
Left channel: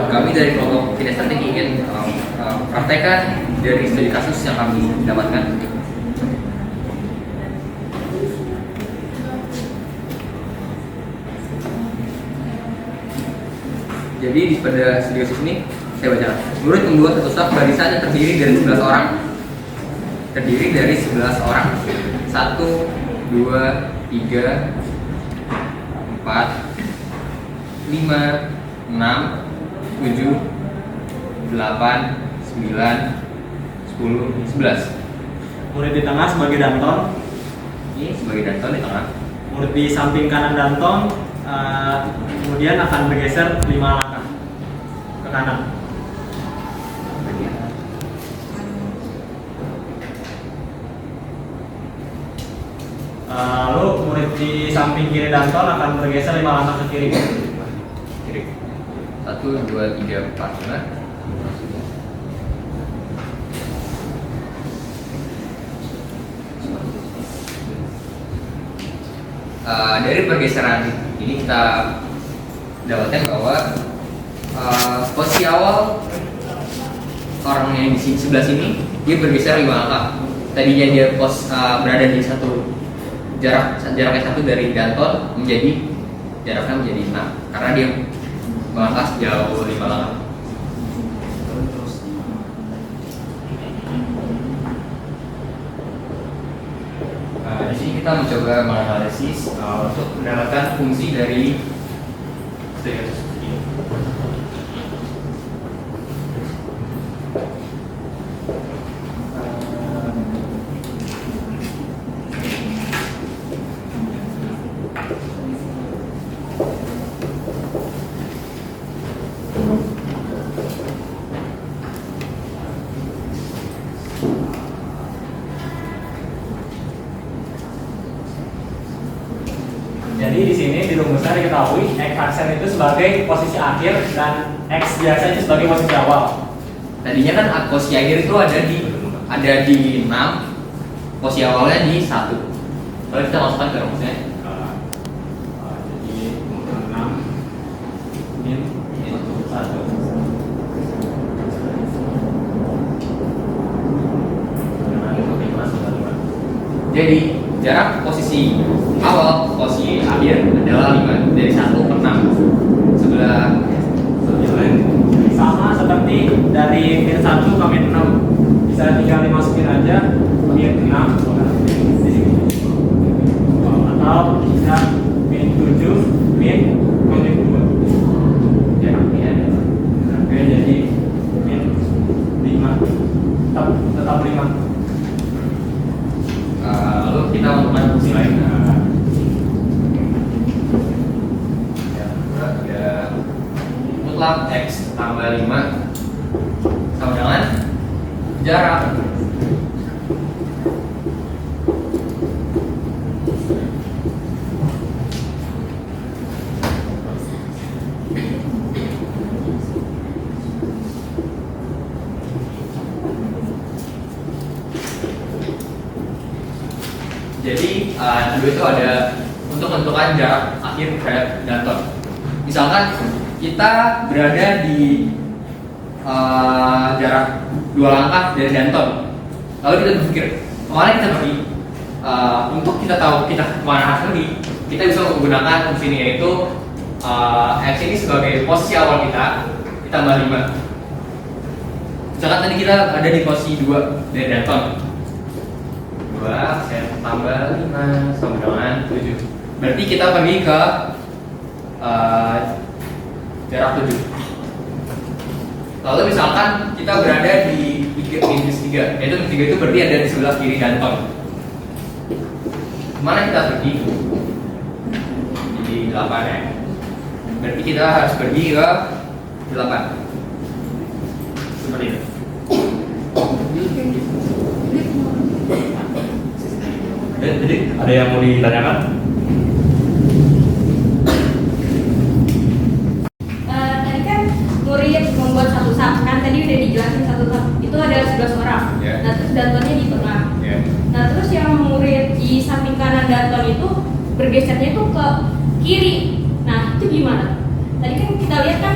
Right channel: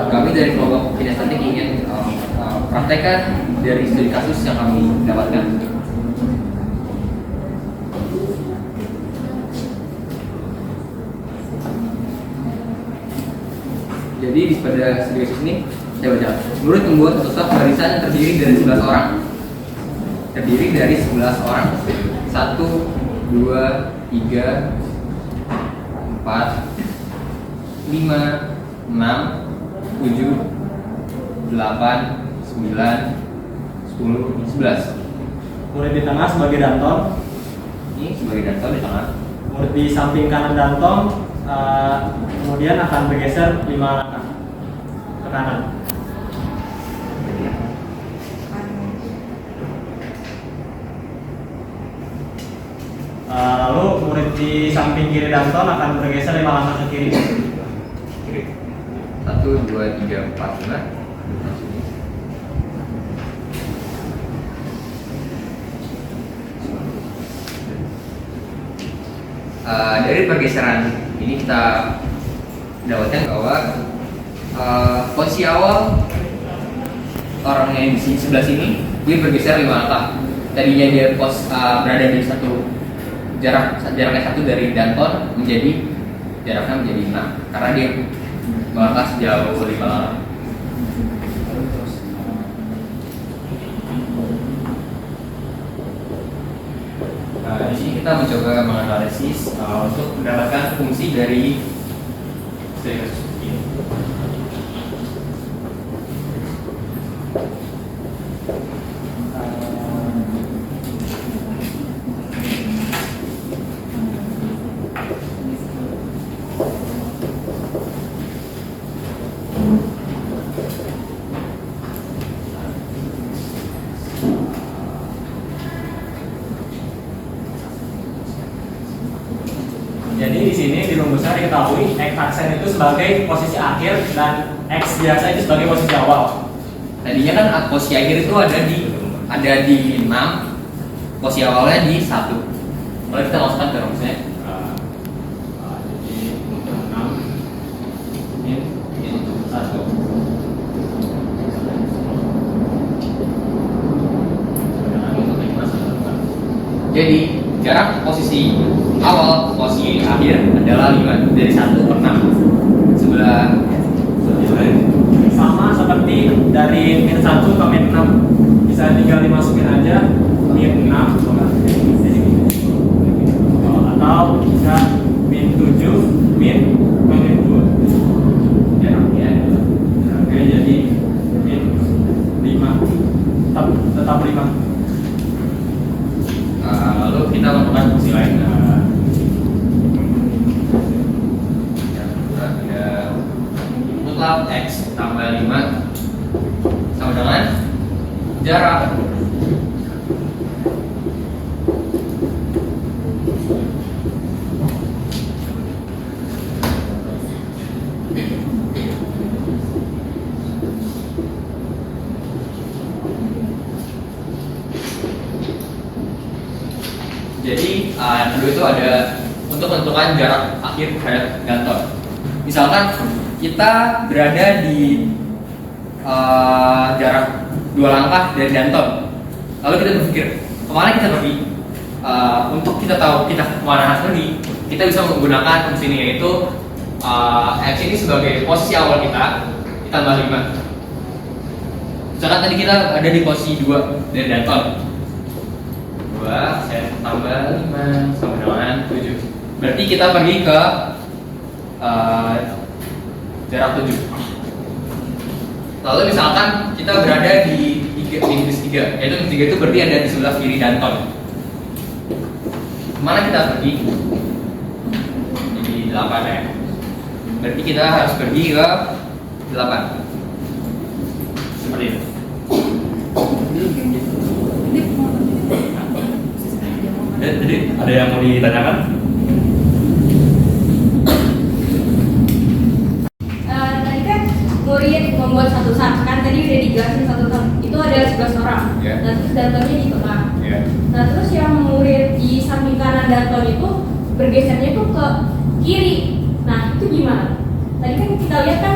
Kami dari kelompok kinestetik ingin praktekkan dari studi kasus yang kami dapatkan. Jadi pada studi kasus ini saya baca, murid membuat satu staf barisan yang terdiri dari 11 orang. Terdiri dari 11 orang. 1, 2, 3, 4, 5, 6, 7, 8, 9, 10, 11. Murid di tengah sebagai Danton. Ini sebagai Danton di tengah. Murid di samping kanan Danton kemudian akan bergeser 5 langkah ke kanan. Lalu murid di samping kiri Danton akan bergeser 5 langkah ke kiri. Kiri. 1, 2, 3, 4, 5. Dari pergeseran ini kita dapatkan bahwa posisi awal orang yang di sebelah sini dia bergeser 5 langkah. Tadinya dia berada di jaraknya 1 dari Danton menjadi jaraknya menjadi 6 karena dia melangkah sejauh 5 langkah. Di sini kita mencoba menganalisis untuk mendapatkan fungsi dari studi kasus ini. Jadi di sini di rumusnya diketahui X aksen itu sebagai posisi akhir dan X biasa itu sebagai posisi awal. Tadinya kan posisi akhir itu ada di 6, posisi awalnya di 1. Boleh kita masukkan ke rumusnya? Jadi 6 min 1. Jadi jarak posisi awal posisi akhir adalah 5 dari 1 per 6 sebelah Sama seperti dari min 1 ke min 6. bisa tinggal dimasukin aja min 6 di sini. Atau bisa min 7 min 2 jaraknya oke, jadi min 5 tetap 5. Lalu kita lakukan fungsi lain. Ada mutlak x tambah 5 sama dengan jarak Jadi yang kedua itu ada untuk menentukan jarak akhir terhadap Danton. Misalkan kita berada di jarak 2 langkah dari Danton, lalu kita berpikir kemana kita pergi. Untuk kita tahu kita kemana harus pergi, kita bisa menggunakan fungsi ini, yaitu x ini sebagai posisi awal kita ditambah 5. Misalkan tadi kita ada di posisi 2 dari Danton, 2 saya tambah 5 sama dengan 7. Berarti kita pergi ke jarak 7. Lalu misalkan kita berada di minus 3, yaitu minus 3 itu berarti ada di sebelah kiri Danton. Kemana kita pergi? Jadi 8 ya. Berarti kita harus pergi ke 8. Seperti itu. Jadi ada yang mau ditanyakan? Tadi kan murid membuat satu sub, kan tadi udah dijelasin satu sub itu ada 11 orang. Yeah. Nah terus Dantonnya di tengah. Yeah. Nah terus yang murid di samping kanan Danton itu bergesernya itu ke kiri. Nah itu gimana? Tadi kan kita lihat kan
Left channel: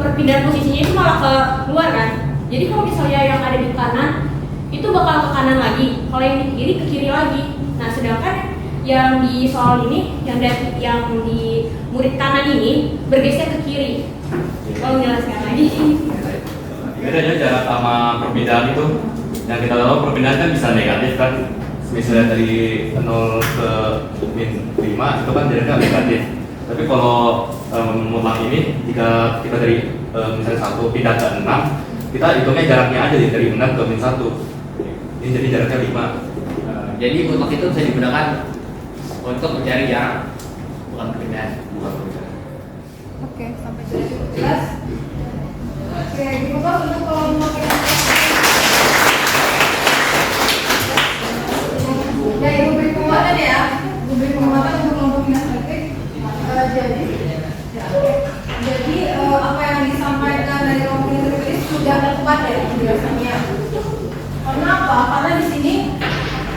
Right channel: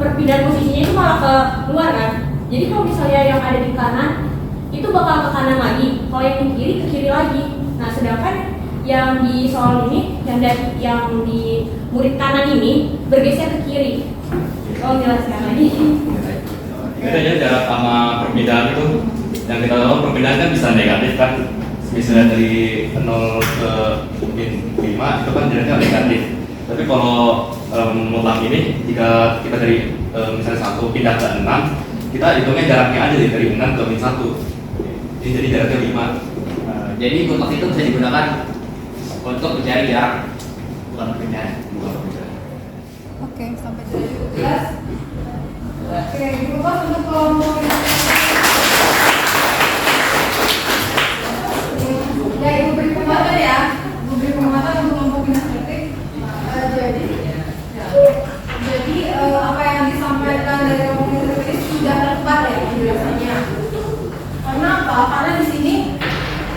perpindahan posisinya itu malah ke luar kan. Jadi kalau misalnya yang ada di kanan itu bakal ke kanan lagi, kalau yang di kiri ke kiri lagi. Nah sedangkan yang di soal ini, yang di murid kanan ini bergeser ke kiri. Kalau jelaskan lagi. Bedanya jarak sama perpindahan itu, yang kita tahu perpindahan kan bisa negatif kan. Misalnya dari 0 ke min 5 itu kan jaraknya negatif. Tapi kalau mutlak ini, jika kita dari misalnya 1 pindah ke 6, kita hitungnya jaraknya aja dari 6 ke min 1. Ini jadi jaraknya 5. Jadi mutlak itu bisa digunakan untuk mencari jarak, bukan perpindahan. Oke, sampai sini jelas. Oke, diubah untuk kelompok yang ya, ibu beri penguatan ya. Ibu beri penguatan untuk kelompok minat kritik. Jadi apa yang disampaikan dari kelompok minat kritik sudah tepat ya penjelasannya. Karena apa? Karena di sini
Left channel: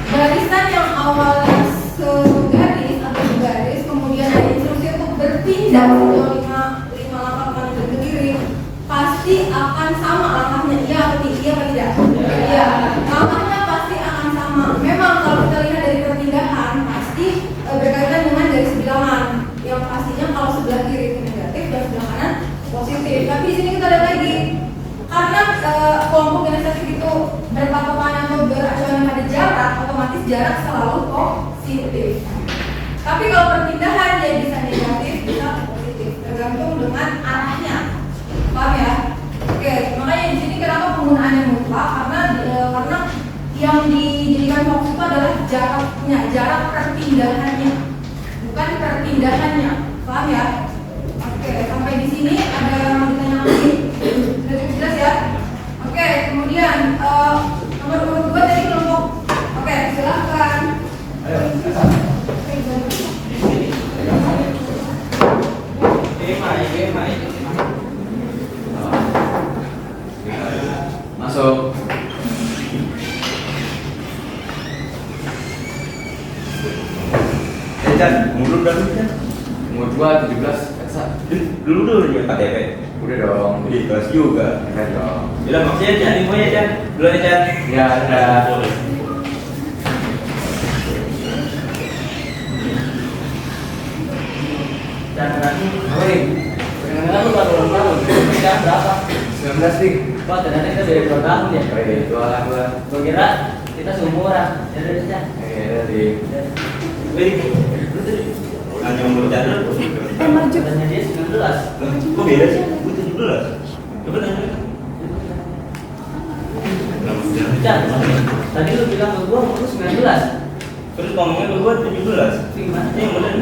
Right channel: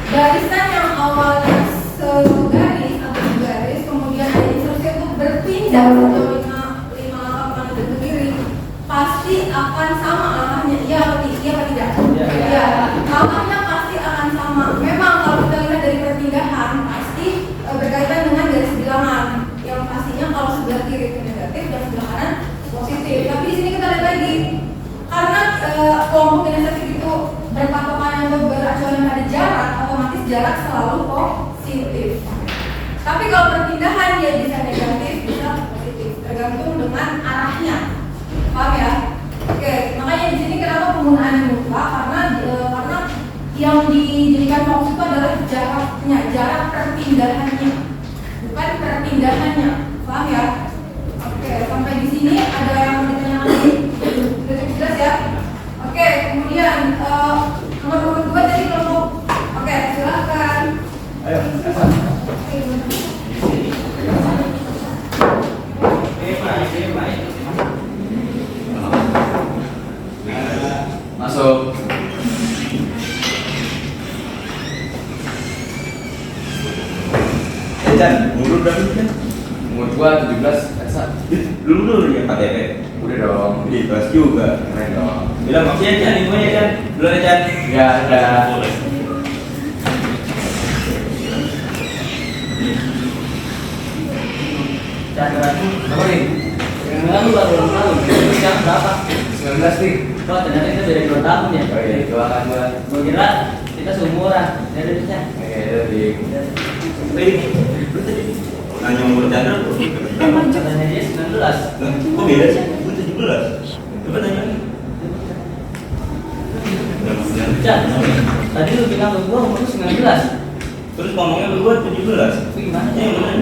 barisan yang awalnya segaris atau segaris, kemudian ada instruksi untuk berpindah sejauh 5 langkah kanan dan ke kiri, pasti akan sama langkahnya. Iya atau tidak? Iya. Langkahnya pasti akan sama. Memang kalau kita lihat dari perpindahan pasti berkaitan dengan garis bilangan. Yang pastinya kalau sebelah kiri itu negatif dan sebelah kanan positif. Tapi di sini kita lihat lagi, karena kelompok kinesthetik itu berpatokan atau beracuan pada jarak, otomatis jarak selalu positif. Tapi kalau perpindahan dia bisa negatif, bisa positif, tergantung dengan arahnya. Paham ya? Oke, makanya di sini kenapa penggunaannya mutlak? Karena yang dijadikan fokus itu adalah jaraknya, jarak perpindahannya, bukan perpindahannya. Paham ya? Oke, sampai di sini ada yang mau ditanyakan lagi? Sudah cukup jelas ya? Oke, kemudian nomor urut 2 tadi kelompok. Oke, silakan. Ayo, Masuk. Umur berapa sih? Umur gua 17, Elsa. Dulu ya KTP. Udah dong. Di kelas juga. Keren dong. Bilang maksudnya Chan, infonya Chan. Dulu ya Chan. Enggak ada. Chan lagi. Apa ini? Yang lalu baru sekarang berapa? 19 nih. Kok ternyata kita dari dua tahun ya? Dua kan gua. Gua kira kita seumuran. Jadi aja. Jadi Lu tadi nanya umur Chandra tuh. Katanya dia 19. Kok beda sih? Gue 17. Coba nanya. Chan, tadi lu bilang ke gua umur lu 19. Terus ngomongnya ke gue 17. Itu gimana? Ini yang bener.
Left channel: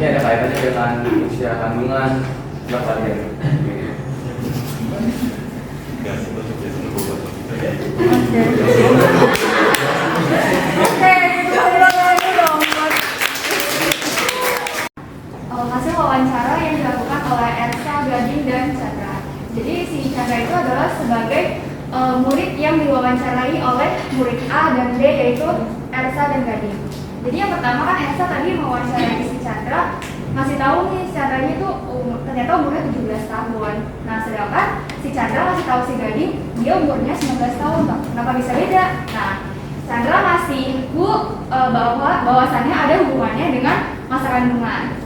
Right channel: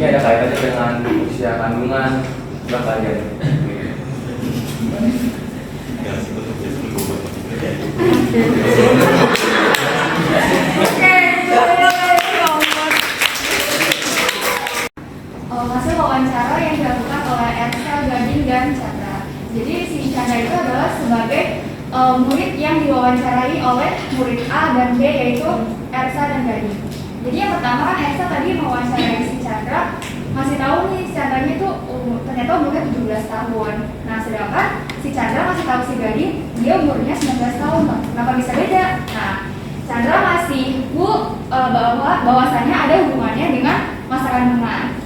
ini ada kaitannya dengan usia kandungan berapa kali ya? Yang sebut jadi berubah. Hasil wawancara yang dilakukan oleh Ersa, Gading, dan Chandra. Jadi si Chandra itu adalah sebagai murid yang diwawancarai oleh murid A dan B, yaitu Ersa dan Gading. Jadi yang pertama kan Ersa tadi mewawancarai si Chandra, masih tahu nih si Chandranya itu ternyata umurnya 17 tahun. Nah sedangkan si Chandra masih tahu si Gading dia umurnya 19 tahun. Kenapa bisa beda? Nah Chandra masih bahwasannya ada hubungannya dengan masa kandungan.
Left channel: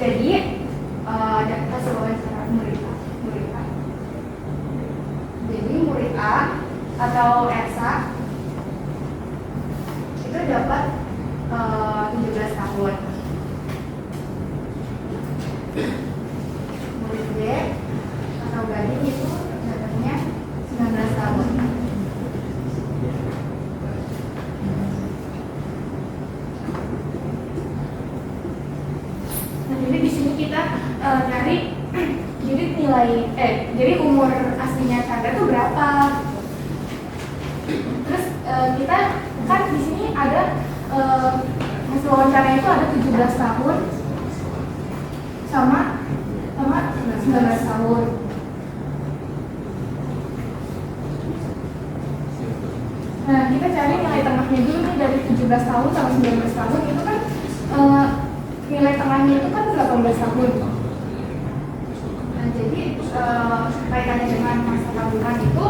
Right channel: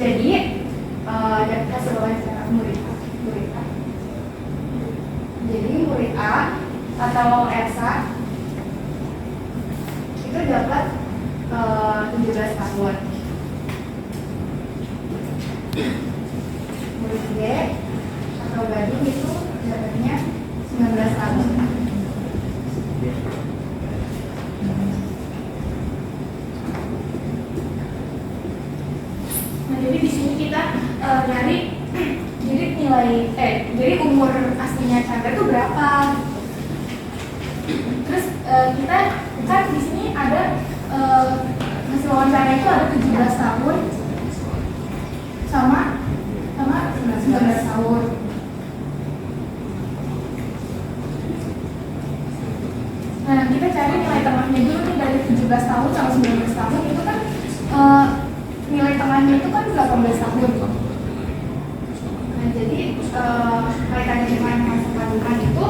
Jadi kasih wawancara murid A. Jadi murid A atau Ersa itu dapat 17 tahun. Murid B atau Gading itu dapatnya 19 tahun. Nah, jadi di sini kita nyari jadi umur aslinya Chandra itu berapa? Terus kita kan di sini ada hasil wawancara itu ada 17 tahun sama 19 tahun. Nah, kita cari nilai tengahnya dulu nih dari 17 tahun sama 19 tahun itu kan nilai tengahnya itu kan 18 tahun. Nah, jadi kaitannya dengan masa kandungan itu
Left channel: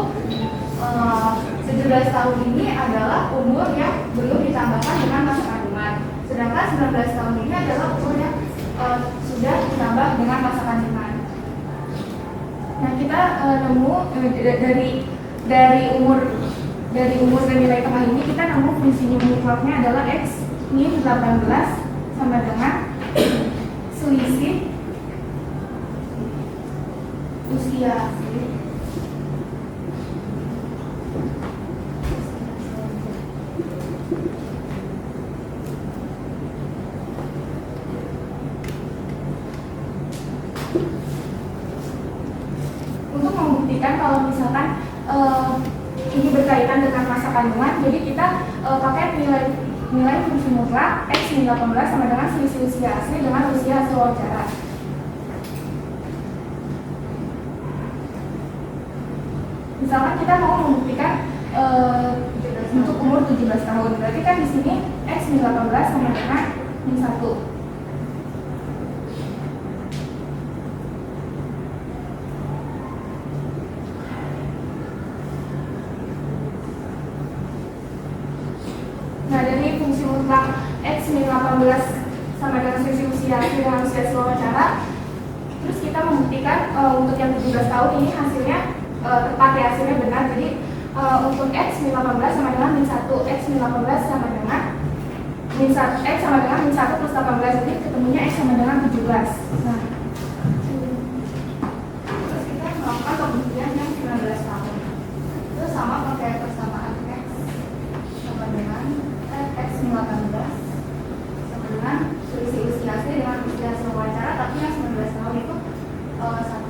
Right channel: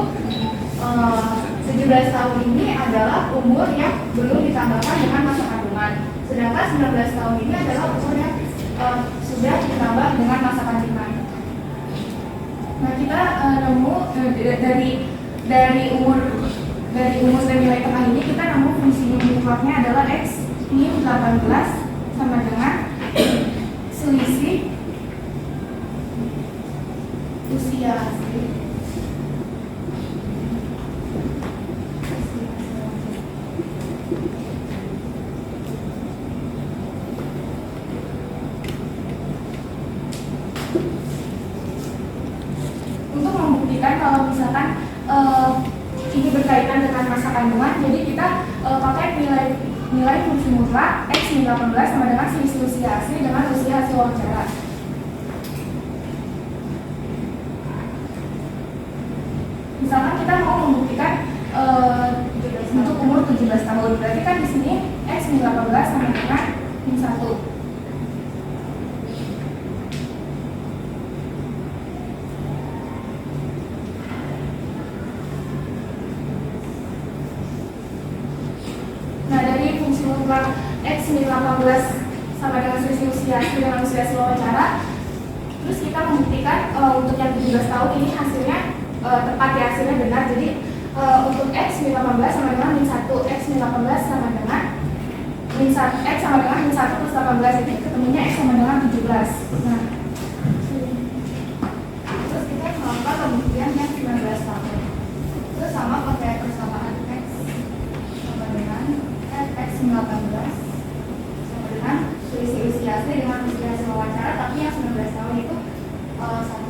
17 tahun ini adalah umur yang belum ditambahkan dengan masa kandungan. Sedangkan 19 tahun ini adalah umur yang sudah ditambah dengan masa kandungan. Nah, kita nemu dari umur dan nilai tengah ini kita nemu fungsi mutlaknya adalah X min 18 sama dengan selisih usia asli untuk membuktikan kalau misalkan ini berkaitan dengan masa kandungan. Jadi kita pakai nilai fungsi mutlak X min 18 sama dengan selisih usia asli dengan usia hasil wawancara. Misalkan kita mau membuktikan untuk umur 17 tahun, berarti kan di sini X min 18 sama dengan min 1. Nah, dari fungsi mutlak X min 18 sama dengan selisih usia asli dengan usia hasil wawancara, terus kita membuktikan untuk yang 17 tahun ini hasilnya tepat ya, hasilnya benar. Jadi untuk X min 18 sama dengan min 1, X min 18 sama dengan min 1, X sama dengan min 1 plus 18, jadi ketemunya X sama dengan 17. Nah, terus kita melakukan pembuktian yang 19 tahun. Itu sama pakai persamaan X sama dengan X min 18 sama dengan selisih usia asli dengan usia hasil wawancara, tapi yang 19 tahun itu 1.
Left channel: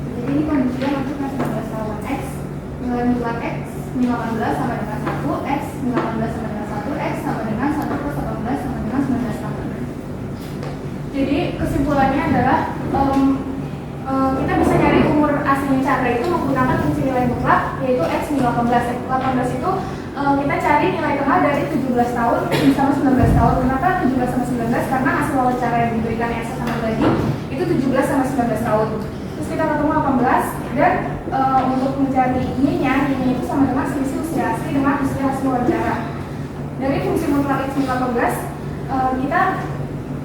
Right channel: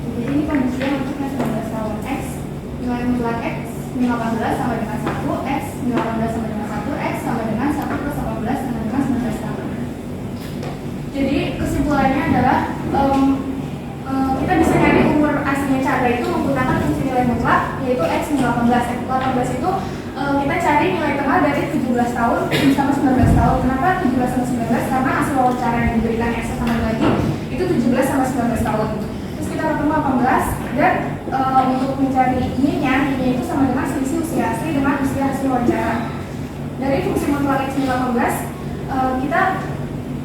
Jadi ini kondisinya untuk yang 19 tahun. X nilai mutlak X min 18 sama dengan 1, X min 18 sama dengan 1, X sama dengan 1 plus 18 sama dengan 19 tahun. Jadi kesimpulannya adalah kita bisa cari umur aslinya Chandra itu menggunakan fungsi nilai mutlak, yaitu X min 18. 18 itu kita cari nilai tengah dari 17 tahun sama 19 tahun. Kenapa 17 sama 19? Karena hasil wawancara yang diberikan X sama Gading itu 17 sama 19 tahun. Terus kita ketemu 18 Dan untuk mencari ini-nya itu sama dengan selisih usia asli dengan usia hasil wawancara. Dari fungsi mutlak X 18, kita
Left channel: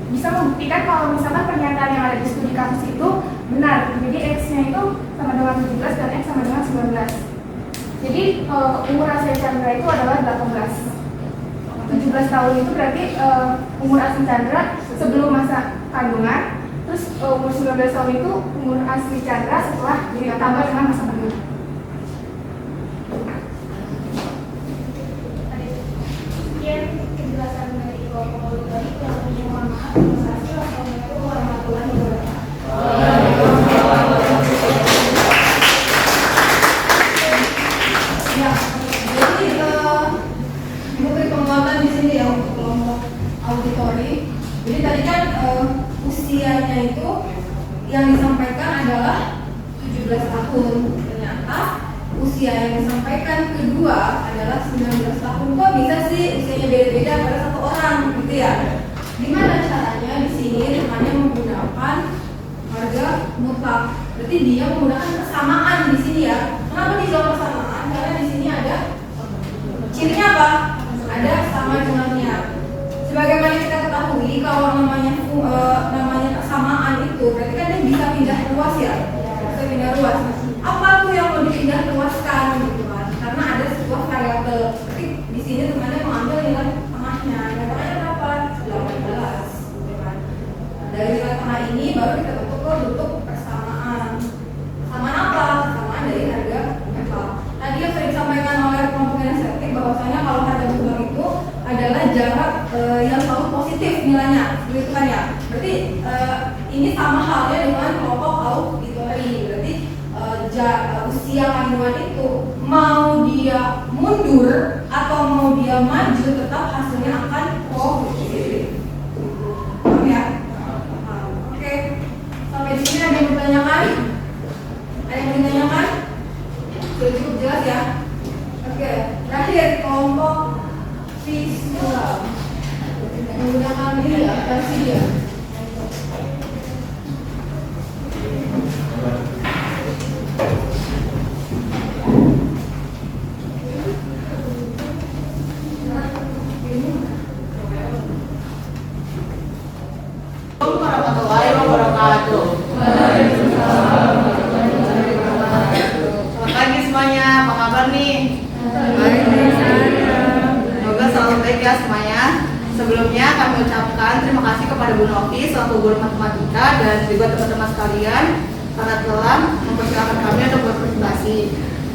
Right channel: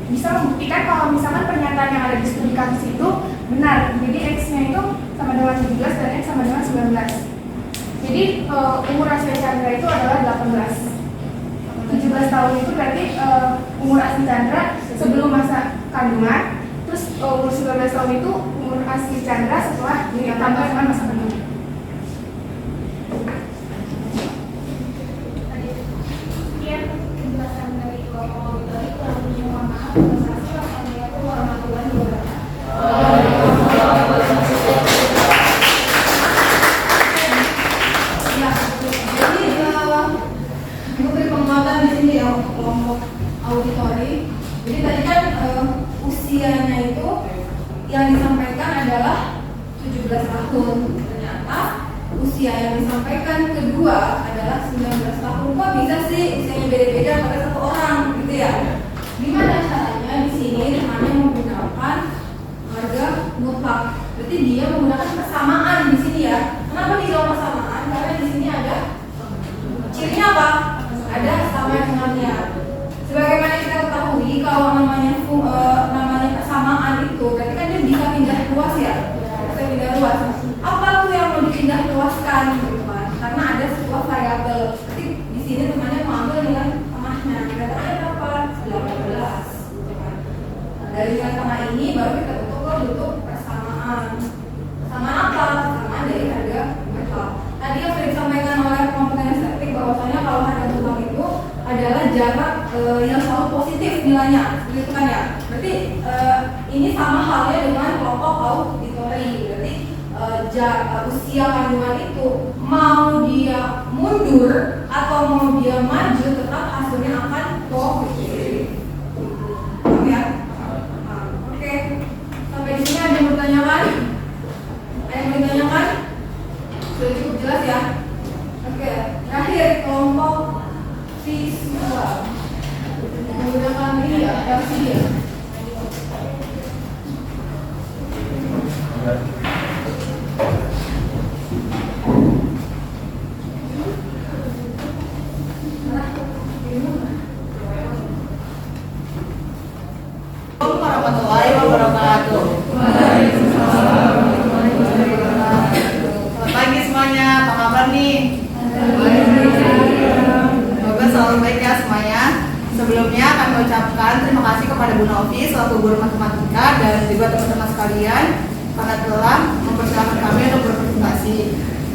bisa membuktikan kalau misalkan pernyataan yang ada di studi kasus itu benar. Jadi X-nya itu sama dengan 17 dan X sama dengan 19. Jadi umur asli Chandra itu adalah 18. 17 tahun itu berarti umur asli Chandra sebelum masa kandungan. Terus umur 19 tahun itu umur asli Chandra setelah ditambah dengan masa kandungan. Sekian penjelasan dari kelompok auditori. Kurang lebihnya mohon maaf. Terima kasih. Wassalamualaikum warahmatullahi wabarakatuh. Ya, jadi gue beri penguatan di sini ya untuk kelompok auditori. Jadi tadi kan usianya itu yang disampaikan adalah 17 tahun. Ternyata usia yang disampaikan kedua adalah 19 tahun. Kok bisa sih usianya beda-beda pada satu orang gitu ya? Gimana caranya di sini temannya menggunakan harga mutlak? Berarti dia menggunakan persamaan di sini ya. Kenapa dibilang persamaan? Karena di sini ada cirinya apa? Ada sama dengannya. Sebagaimana kita ketahui kalau namanya persamaan itu berarti kan dia bisa pindah luas ya. Bisa pindah luas. Apa tuh yang mau dipindah luaskan gitu kan? Karena ada sebuah variabel. Berarti di sini temannya mengambil nilai tengahnya. Nilai tengahnya berapa? 18 gitu kan. Nah, dari nilai tengah ini baru kita bentuk persamaan. Persamaan apa? Persamaan dari harga mutlak. Tadi yang sudah disampaikan oleh kelompok estetik bahwasanya kalau harga mutlak itu adalah jarak yang selalu positif nilainya, gitu kan ya. Berarti ini sama halnya dengan kelompok auditori. Berarti usia kandungan itu mau dia mundur atau mau dia maju tetap hasilnya akan positif. Paham ya? Oke. Sampai di sini ada yang bertanyakan? Ada yang bertanyakan? Sudah cukup jelas ya? Oke. Terakhir kelompok visual menggunakan ini ya, LCD ya. Assalamualaikum warahmatullahi wabarakatuh. Selamat pagi semuanya, apa kabar nih? Semoga selalu baik ya semuanya. Sebelumnya kami ucapkan terima kasih kepada Bu Novi selaku guru matematika dan juga teman-teman sekalian karena telah mempersilahkan kami untuk berpresentasi.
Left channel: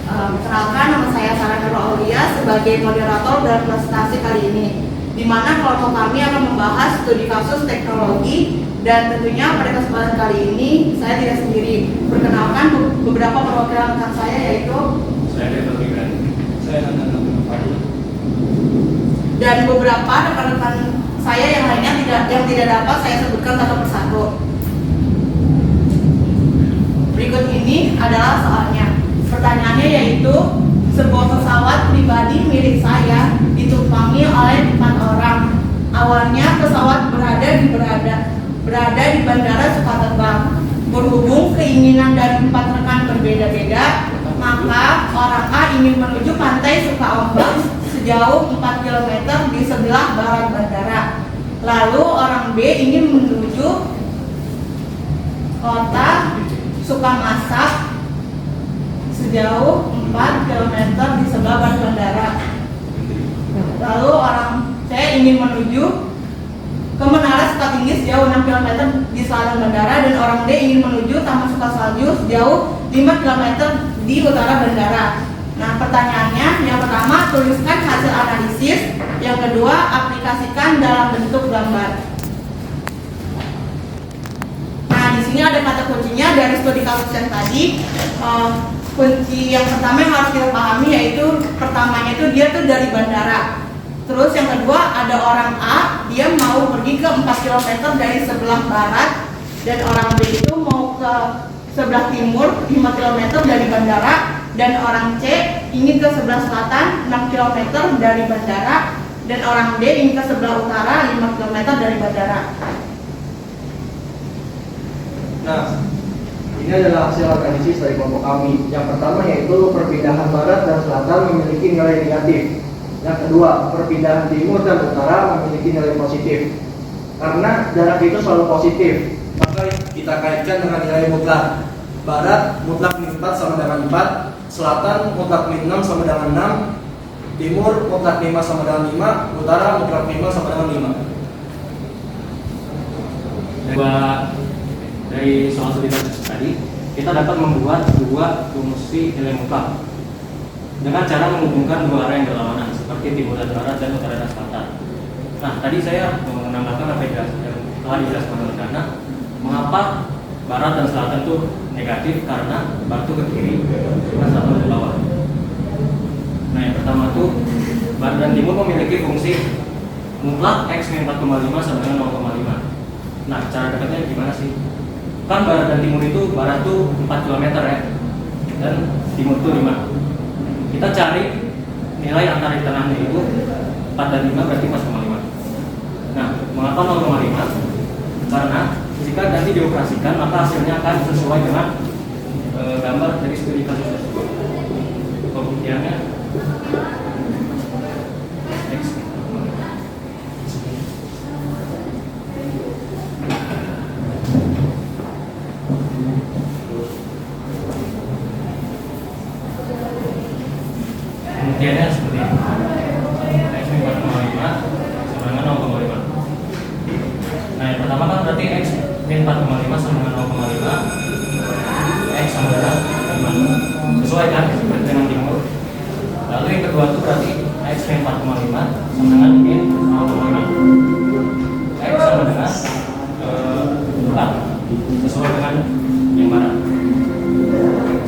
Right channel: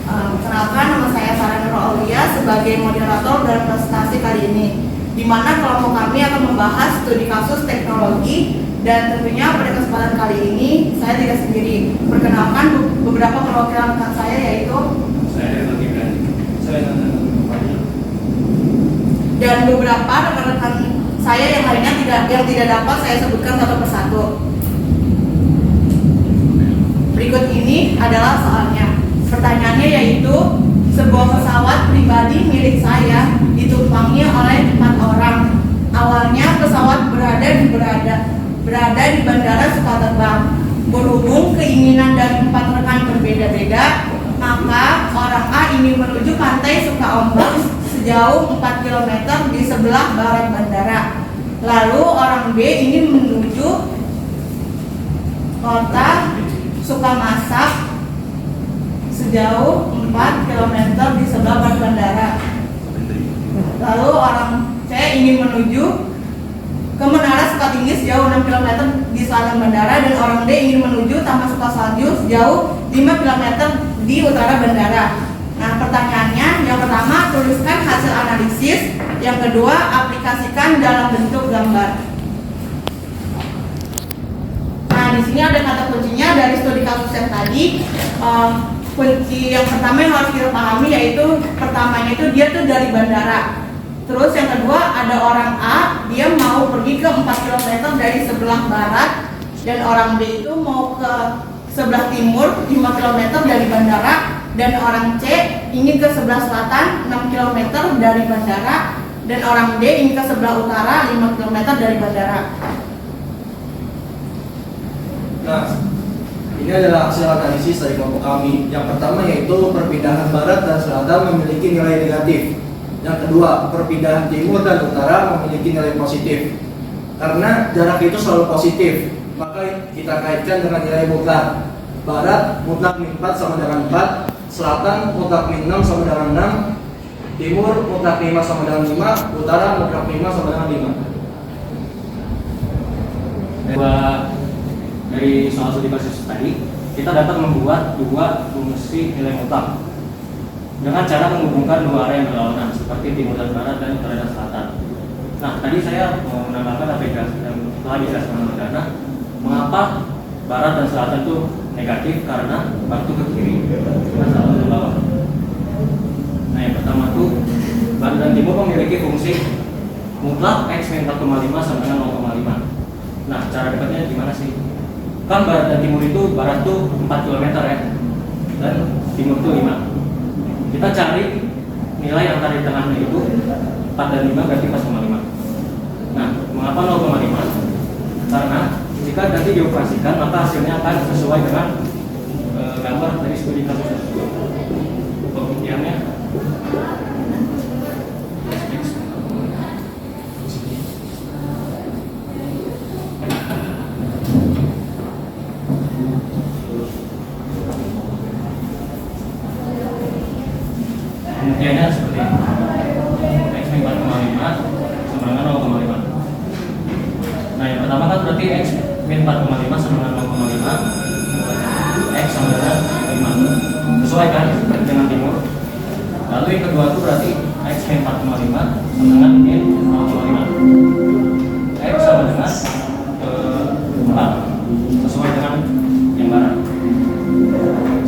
Perkenalkan, nama saya Sarah Nurul Aulia sebagai moderator dalam presentasi kali ini, di mana kelompok kami akan membahas studi kasus teknologi. Dan tentunya pada kesempatan kali ini saya tidak sendiri. Perkenalkan beberapa perwakilan rekan saya, yaitu Saya Dr. Gibran. Saya Nathan. dan beberapa rekan-rekan saya yang lainnya yang tidak dapat saya sebutkan satu persatu. Berikut ini adalah soalnya. Pertanyaannya yaitu, sebuah pesawat pribadi milik saya ditumpangi oleh 4 orang. Awalnya pesawat berada di Bandara Sukaterbang. Berhubung keinginan dari 4 rekan berbeda-beda, maka orang A ingin menuju pantai Sukaombak sejauh 4 km di sebelah barat bandara. Lalu orang B ingin menuju kota Sukamasak sejauh 4 km di sebelah barat bandara. Lalu orang C ingin menuju ke Menara Sukatinggi sejauh 6 km di selatan bandara, dan orang D ingin menuju Taman Sukasalju sejauh 5 km di utara bandara. Nah, pertanyaannya, yang pertama tuliskan hasil analisis, yang kedua aplikasikan dalam bentuk gambar. Nah, di sini ada kata kuncinya dari studi kasus yang tadi. Kunci yang pertama yang harus kita pahami yaitu pertamanya itu dia tuh dari bandara. Terus yang kedua ada orang A, dia mau pergi ke 4 km dari sebelah barat, dan orang B itu mau ke sebelah timur 5 km dari bandara, dan orang C ingin ke sebelah selatan 6 km dari bandara, dan orang D ingin ke sebelah utara 5 km dari bandara. Ya, Ini adalah hasil analisis dari kelompok kami. Yang pertama yaitu perpindahan barat dan selatan memiliki nilai negatif. Yang kedua, perpindahan timur dan utara memiliki nilai positif. Karena jarak itu selalu positif, maka kita kaitkan dengan nilai mutlak. Barat mutlak min 4 sama dengan 4, selatan mutlak min 6 sama dengan 6, timur mutlak 5 sama dengan 5, utara mutlak 5 sama dengan 5. Dari soal studi kasus tadi, kita dapat membuat dua fungsi nilai mutlak dengan cara menghubungkan dua arah yang berlawanan seperti timur dan barat dan utara dan selatan. Nah, tadi saya menambahkan apa yang telah dijelaskan oleh Gana, mengapa barat dan selatan itu negatif karena batu ke kiri, selatan ke bawah. Nah, yang pertama tuh barat dan timur memiliki fungsi mutlak x min 4,5 sama dengan 0,5. Nah, cara dapatnya gimana sih? Kan barat dan timur itu, barat tuh 4 km ya, dan timur tuh 5. Kita cari nilai antara di tengahnya itu 4 dan 5 berarti 4,5. Nah, mengapa 0,5? Karena jika nanti dioperasikan maka hasilnya akan sesuai dengan gambar dari studi kasus tersebut. Pembuktiannya pembuktiannya seperti ini. X min 4,5 sama dengan 0,5. Nah, yang pertama kan berarti X min 4,5 sama dengan 0,5, X sama dengan 5. Sesuai kan dengan timur. Lalu yang kedua itu berarti X min 4,5 sama dengan min 0,5, X sama dengan 4. Sesuai dengan yang barat.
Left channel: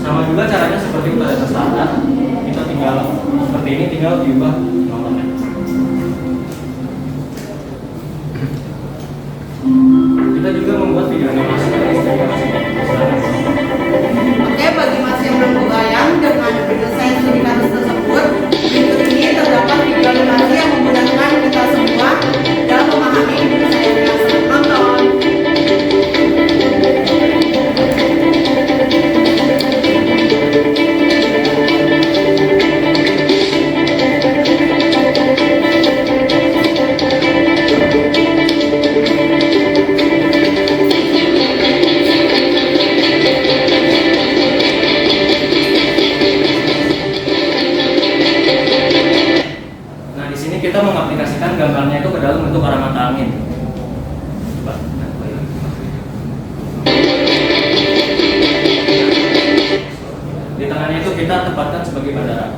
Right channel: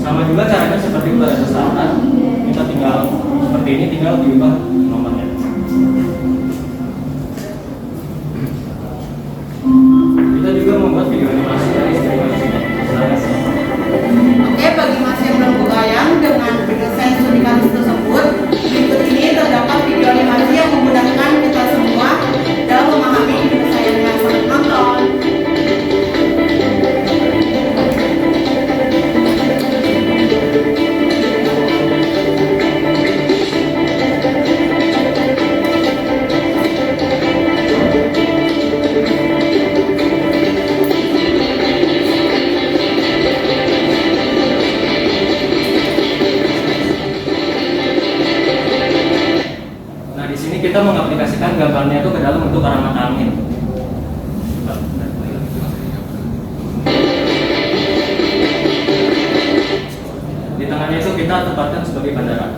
Sama juga caranya seperti utara dan selatan. Kita tinggal seperti ini, tinggal diubah nomornya. Kita juga membuat video animasi dari studi kasusnya. Oke, bagi masih yang belum kebayang dengan penyelesaian studi kasus tersebut, berikut ini terdapat video animasi yang memudahkan kita semua dalam memahami penyelesaiannya. Selamat menonton. Kita mengaplikasikan gambarnya itu ke dalam bentuk arah mata angin. Di tengahnya itu kita tempatkan sebagai bandara.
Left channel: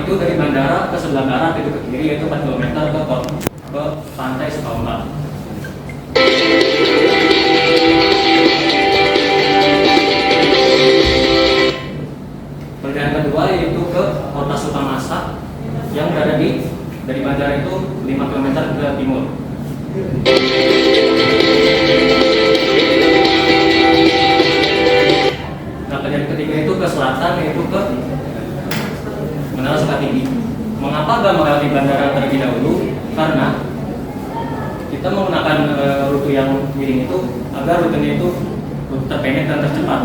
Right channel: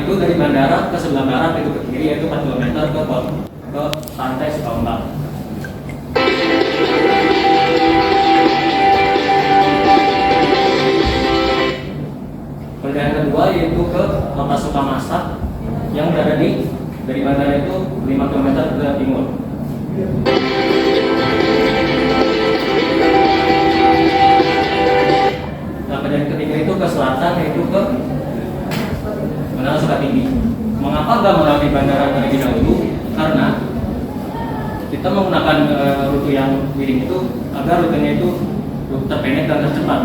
Itu dari bandara ke sebelah barat itu ke kiri yaitu 4 km ke pantai Sukawempat. Perjalanan kedua yaitu ke kota Sukamasak yang berada dari bandara itu 5 km ke timur. Nah, perjalanan ketiga itu ke selatan yaitu ke Menara Sukatinggi. Mengapa nggak melewati bandara terlebih dahulu? Karena kita menggunakan rute yang miring itu agar rutenya itu terpendek dan tercepat.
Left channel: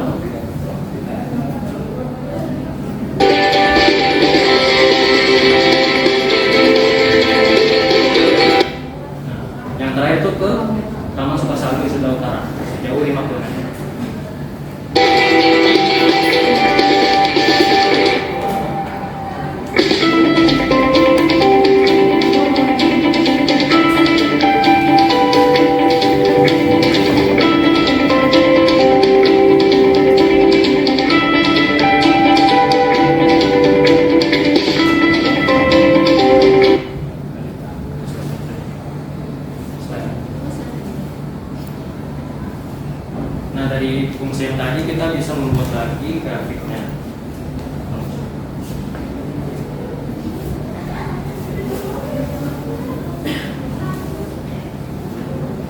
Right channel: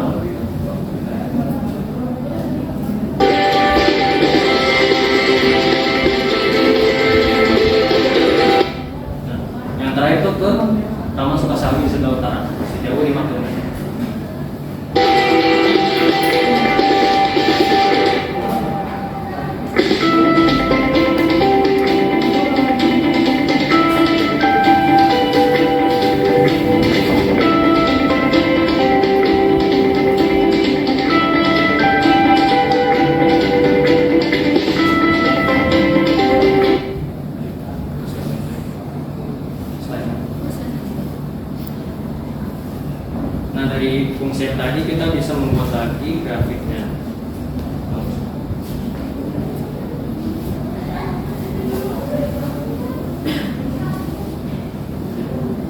Nah, yang terakhir itu ke Taman Sukasari sebelah utara sejauh 5 km. Nah, dari fungsi yang tadi kita bisa membuat lagi grafiknya.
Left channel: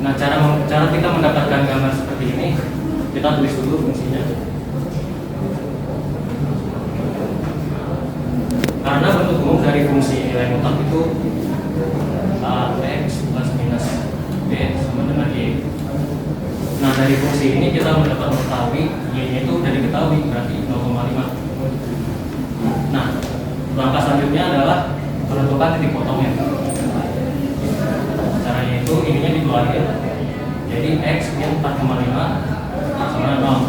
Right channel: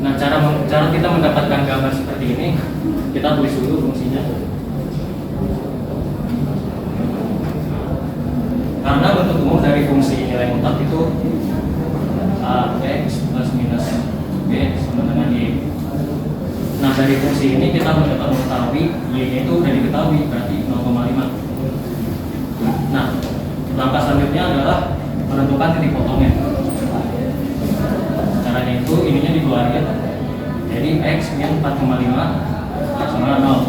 Nah, cara kita mendapatkan gambar seperti ini, kita tulis dulu fungsinya. dari fungsi nilai mutlak itu X plus minus B sama dengan Y. Nah, dari fungsi ini kita dapat mengetahui Y-nya itu sudah diketahui, berarti 0,5. Nah, langkah selanjutnya adalah menentukan titik potongnya. Caranya itu ininya dikeluarin, jadi X min 4,5 sama dengan 0.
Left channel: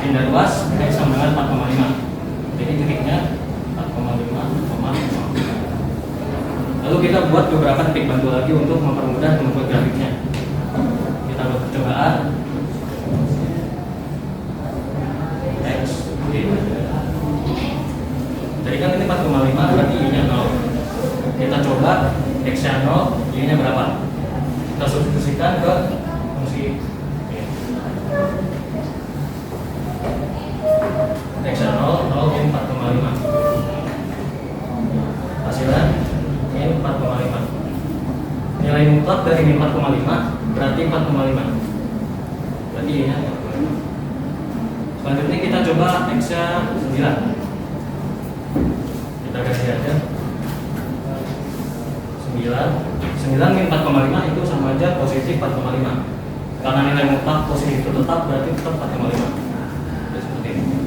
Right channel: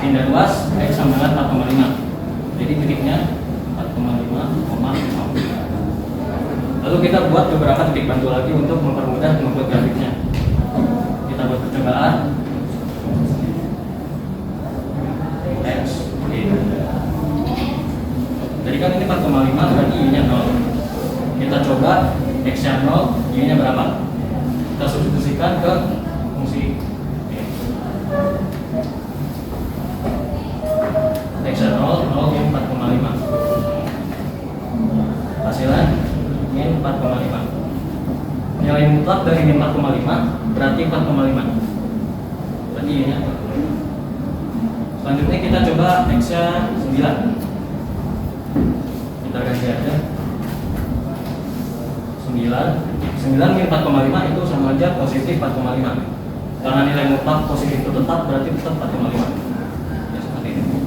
Pindah ruas X sama dengan 4,5. Jadi titiknya 4,5,0. Lalu kita buat beberapa titik bantu lagi untuk mempermudah membuat grafiknya. Kita buat percobaan X Y. Jadi kan ini 4,5 berarti Y-nya 0. Kita coba X-nya 0, Y-nya berapa? Kita substitusikan ke fungsi Y. X-nya 0, 0 min 4,5. Hasilnya min 4,5. Nilai mutlak dari min 4,5 berarti 4,5. Berarti Y-nya 4,5. Selanjutnya kita coba X-nya 9. Kita kasih aja 9 min 4,5 itu sama aja positif 4,5. Karena nilai mutlak positif itu tetap, berarti tetap 4,5. Seperti ini.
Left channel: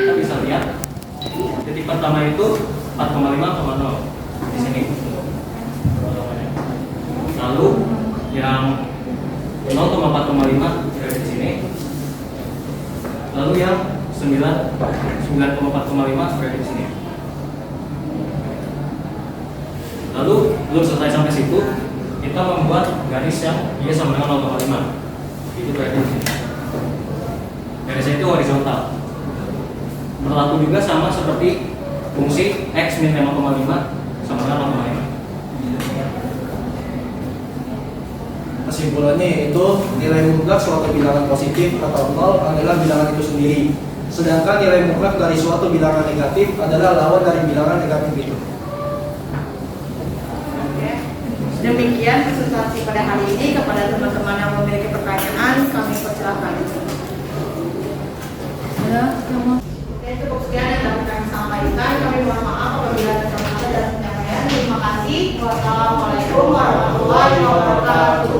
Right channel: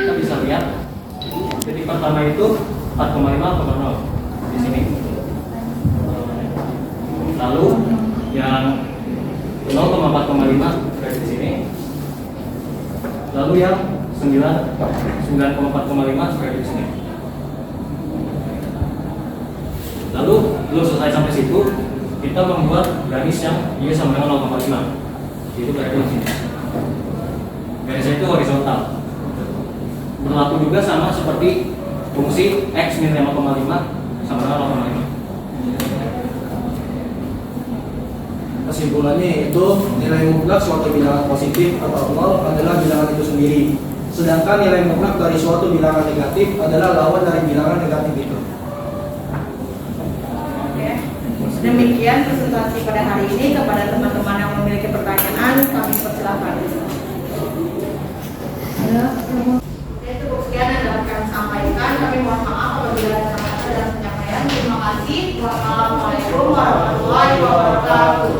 Kita bisa lihat titik pertama itu 4,5,0 di sini. Lalu yang 0,4,5 dari sini. Lalu yang 9,4,5 berada di sini. Lalu belum selesai sampai situ, kita membuat garis yang Y sama dengan 0,5. Itu berada di sini. Garisnya itu horizontal. Berlaku juga sama seperti fungsi X min 5,5 sama dengan 0,5. Kesimpulannya yaitu nilai mutlak suatu bilangan positif atau 0 adalah bilangan itu sendiri. Sedangkan nilai mutlak dari suatu bilangan negatif adalah lawan dari bilangan negatif itu. Demikian presentasi pada hari ini. Kepada teman-teman yang memiliki pertanyaan, kami persilahkan. Cukup sekian yang dapat kami sampaikan. Kami mohon maaf apabila ada salah dalam penyampaian. Terima kasih. Wassalamualaikum warahmatullahi wabarakatuh.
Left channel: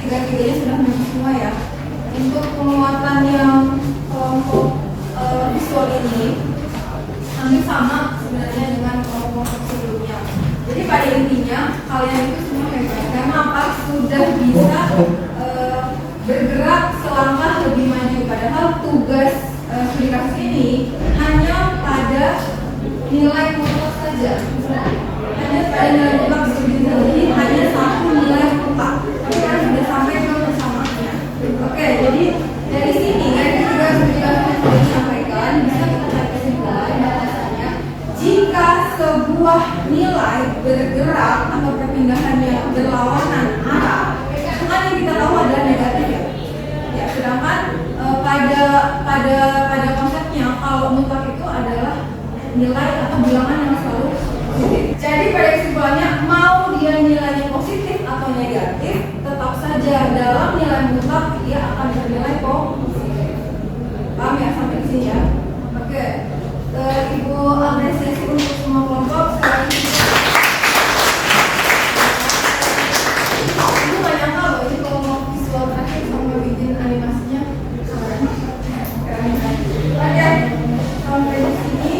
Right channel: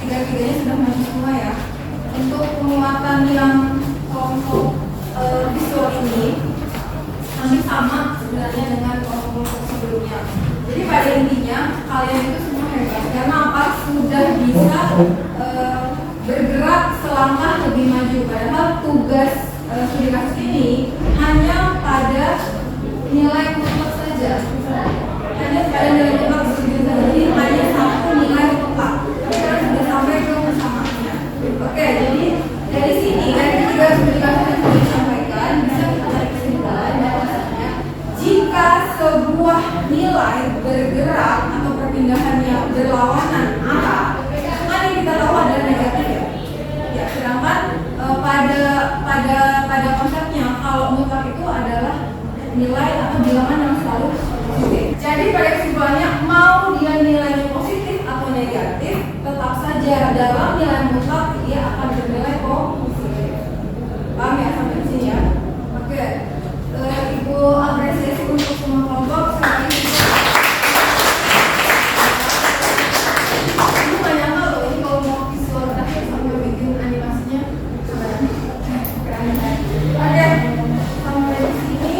Tiga-tiganya sudah maju semua ya. Untuk penguatan yang kelompok visual ini hampir sama sebenarnya dengan kelompok sebelumnya. Jadi pada intinya kalian itu semua hebat karena apa? Sudah bisa bergerak selangkah lebih maju. Padahal tugas studi kasus ini hanya pada nilai mutlak saja. Hanya pada nilai mutlak studi ini hanya satu nilai mutlak. Tapi kalian sudah sampai ke persamaannya. Oke, jadi dari sini dari tiga studi kasus yang sudah disampaikan bisa kita tarik kesimpulan bahwasanya jika sebuah nilai bergerak atau perpindahannya berlawanan arah, kan yang kita tahu adalah negatif ya. Ya, sedangkan pada konsepnya kalau mutlak itu adalah nilai atau bilangan yang selalu positif. Jadi pada kesimpulannya mau dia nilainya positif atau negatif, tetap saja dalam nilai mutlak dia akan bernilai positif. Paham ya sampai sini ya? Oke. Ibu apresiasi untuk semua kelompok. Ibu gak nyangka loh ini kalau mau visual terakhir sampai bikin animasinya keren. Oke, sampai di sini.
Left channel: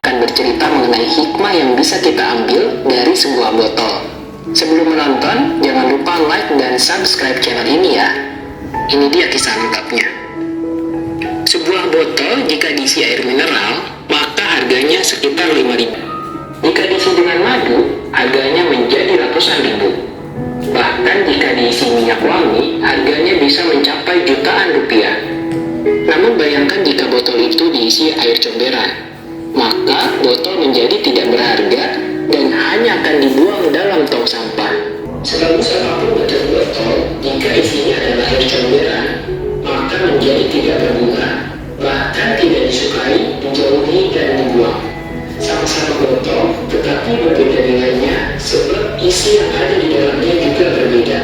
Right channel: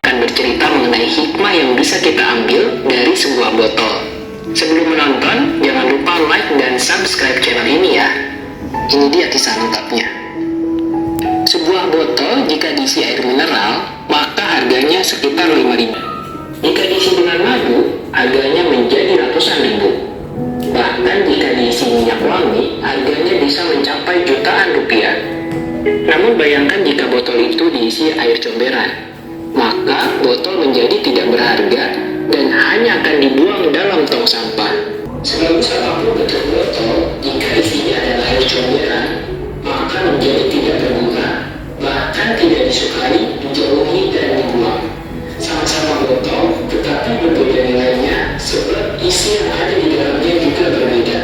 Akan bercerita mengenai hikmah yang bisa kita ambil dari sebuah botol. Sebelum menonton, jangan lupa like dan subscribe channel ini ya. Ini dia kisah lengkapnya. Sebuah botol jika diisi air mineral, maka harganya sekitar 5.000. Jika diisi dengan madu, harganya menjadi ratusan ribu. Bahkan jika diisi minyak wangi, harganya bisa mencapai jutaan rupiah. Namun bayangkan jika botol itu diisi air comberan, maka botol menjadi tidak berharga dan hanya akan dibuang dalam tong sampah. Sebagus apapun bentuk botol, jika isinya adalah air comberan, maka menjadi tidak berguna, bahkan tidak disukai, dijauhi dan dibuang. Sama isi yang ada di dalamnya juga berbeda.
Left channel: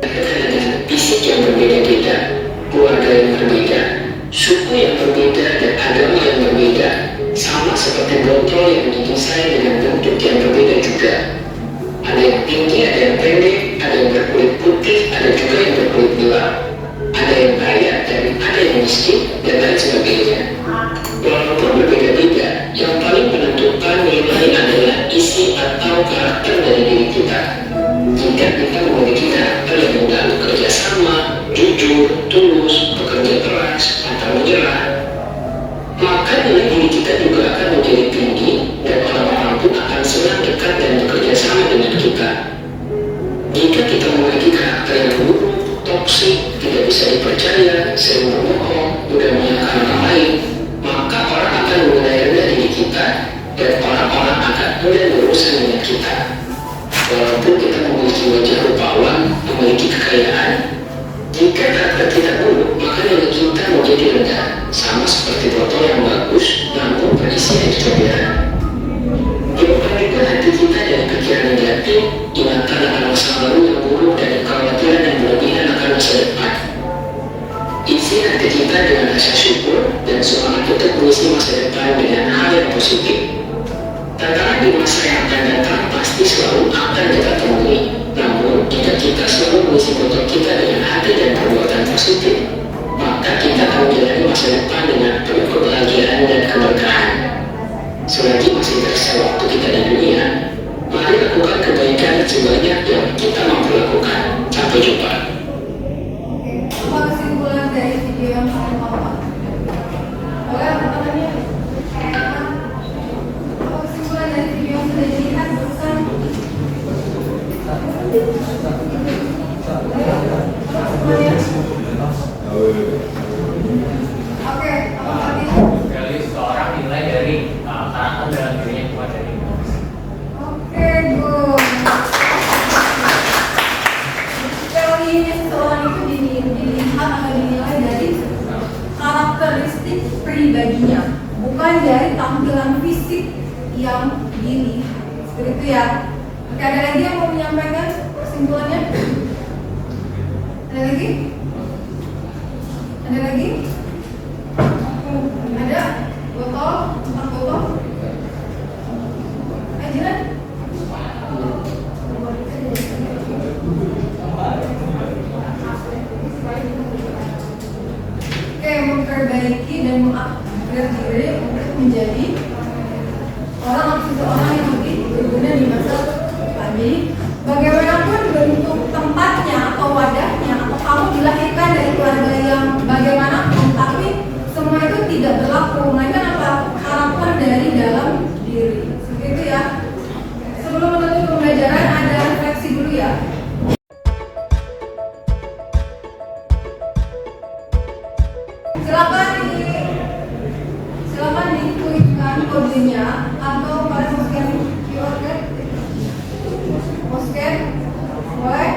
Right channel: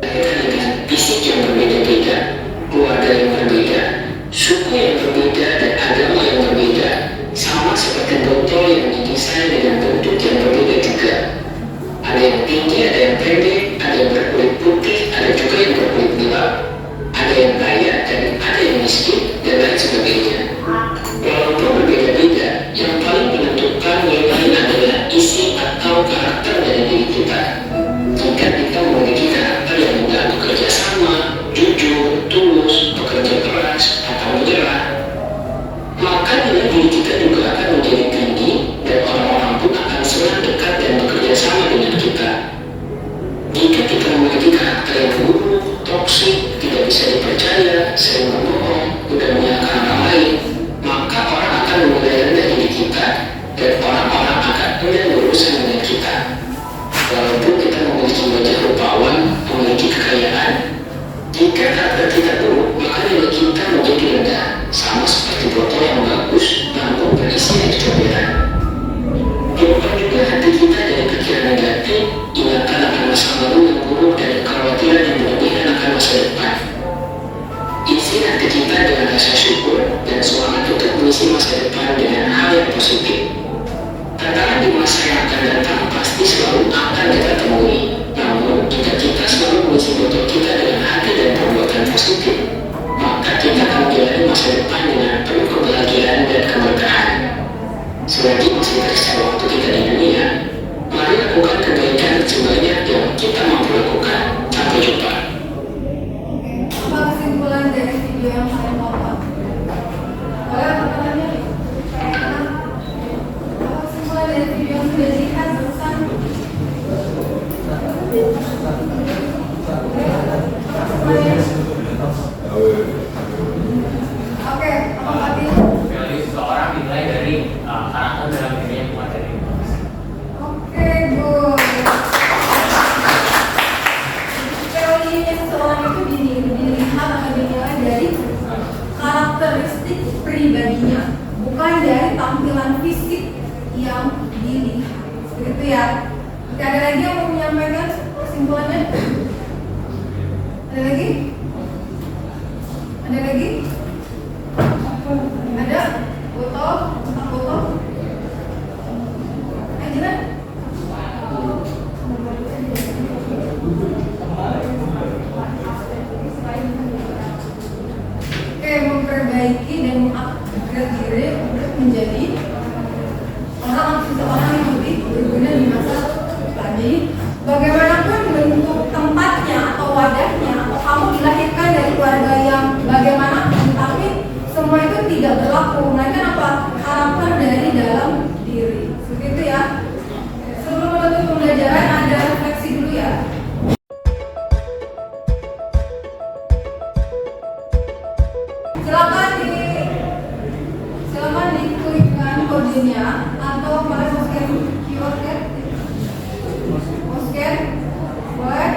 Dengan fisik yang berbeda-beda, keluarga yang berbeda, suku yang berbeda, dan agama yang berbeda, sama seperti botol yang didesain dengan bentuk yang berbeda juga. Ada yang tinggi, ada yang pendek, ada yang berkulit putih, ada juga yang berkulit gelap, ada yang kaya dan ada yang miskin, dan lain sebagainya. Walaupun berbeda-beda, yang paling menentukan nilai adalah isi atau karakter dari diri kita. Jika kita memiliki karakter yang mudah bekerja sama, jujur, tulus, bekerja keras, atau menyerah, maka nilai diri kita juga akan menjadi tinggi dan orang-orang pun akan senang dekat dan bekerja sama dengan kita. Jika kita memiliki karakter yang buruk, toksik, tidak bisa dipercaya, sering berbohong, mudah menyalahkan orang lain, maka orang akan menilai rendah diri kita dan orang-orang akan enggan berurusan dengan kita. Walaupun kita memiliki wajah rupawan, memiliki kekayaan, jika karakter kita buruk, maka nilai kita menjadi rendah, sama seperti botol yang bagus namun berisi air comberan. Jauhkan juga hati kita dari pikiran negatif, ingatan akan masa lalu yang buruk dan kekhawatiran yang berlebihan akan masa depan. Isi hati kita dengan rasa syukur dan semangat untuk mengisi masa depan dengan hal yang positif. Tantangan di masa yang akan datang pasti selalu akan kita temui. Namun, jika kita selalu mengisi botol kita dengan hati dan perbuatan positif, maka kita akan menjalani masa depan dengan penuh kebahagiaan dan keberkahan. Selagi masih tersisa waktu kita di dunia, mari lakukan kebaikan sebanyak yang kita mampu lakukan. Sampai jumpa. Apa kesimpulan dari video yang saya tonton? Boleh apa namanya? Apa kesimpulan dari video yang sudah dilihat barusan? Oke, apa tadi? Jadi seseorang dinilai dari karakter dalam dirinya, bukan dari emosi. Oke, good. Teorinya seseorang itu dilihat atau dinilai dari karakteristik pribadinya, bukan dari tampilan fisik yang dilihat. Seperti itu ya. Oke, ada lagi yang mau menyampaikan kesimpulannya? Ada lagi? Ada lagi? Ada? Botol? Tempat botol? Jiran? Oke, memperbaiki dan mengupgrade diri untuk menjadi seseorang yang lebih berguna di masa depan. Jadi, bagaimanapun bentuk tempatnya atau wadahnya, atau kamu dilahirkan dari keluarga yang bagaimanapun, tapi semua itu tidak berlaku. Melainkan apa? Karakter dari dalam diri. Seperti itu ya. Sebelum menutup pembelajaran, ada refleksi dulu ya. Silakan diklikkan kodenya atau kalian mau scan QR code. Mau scan? Boleh?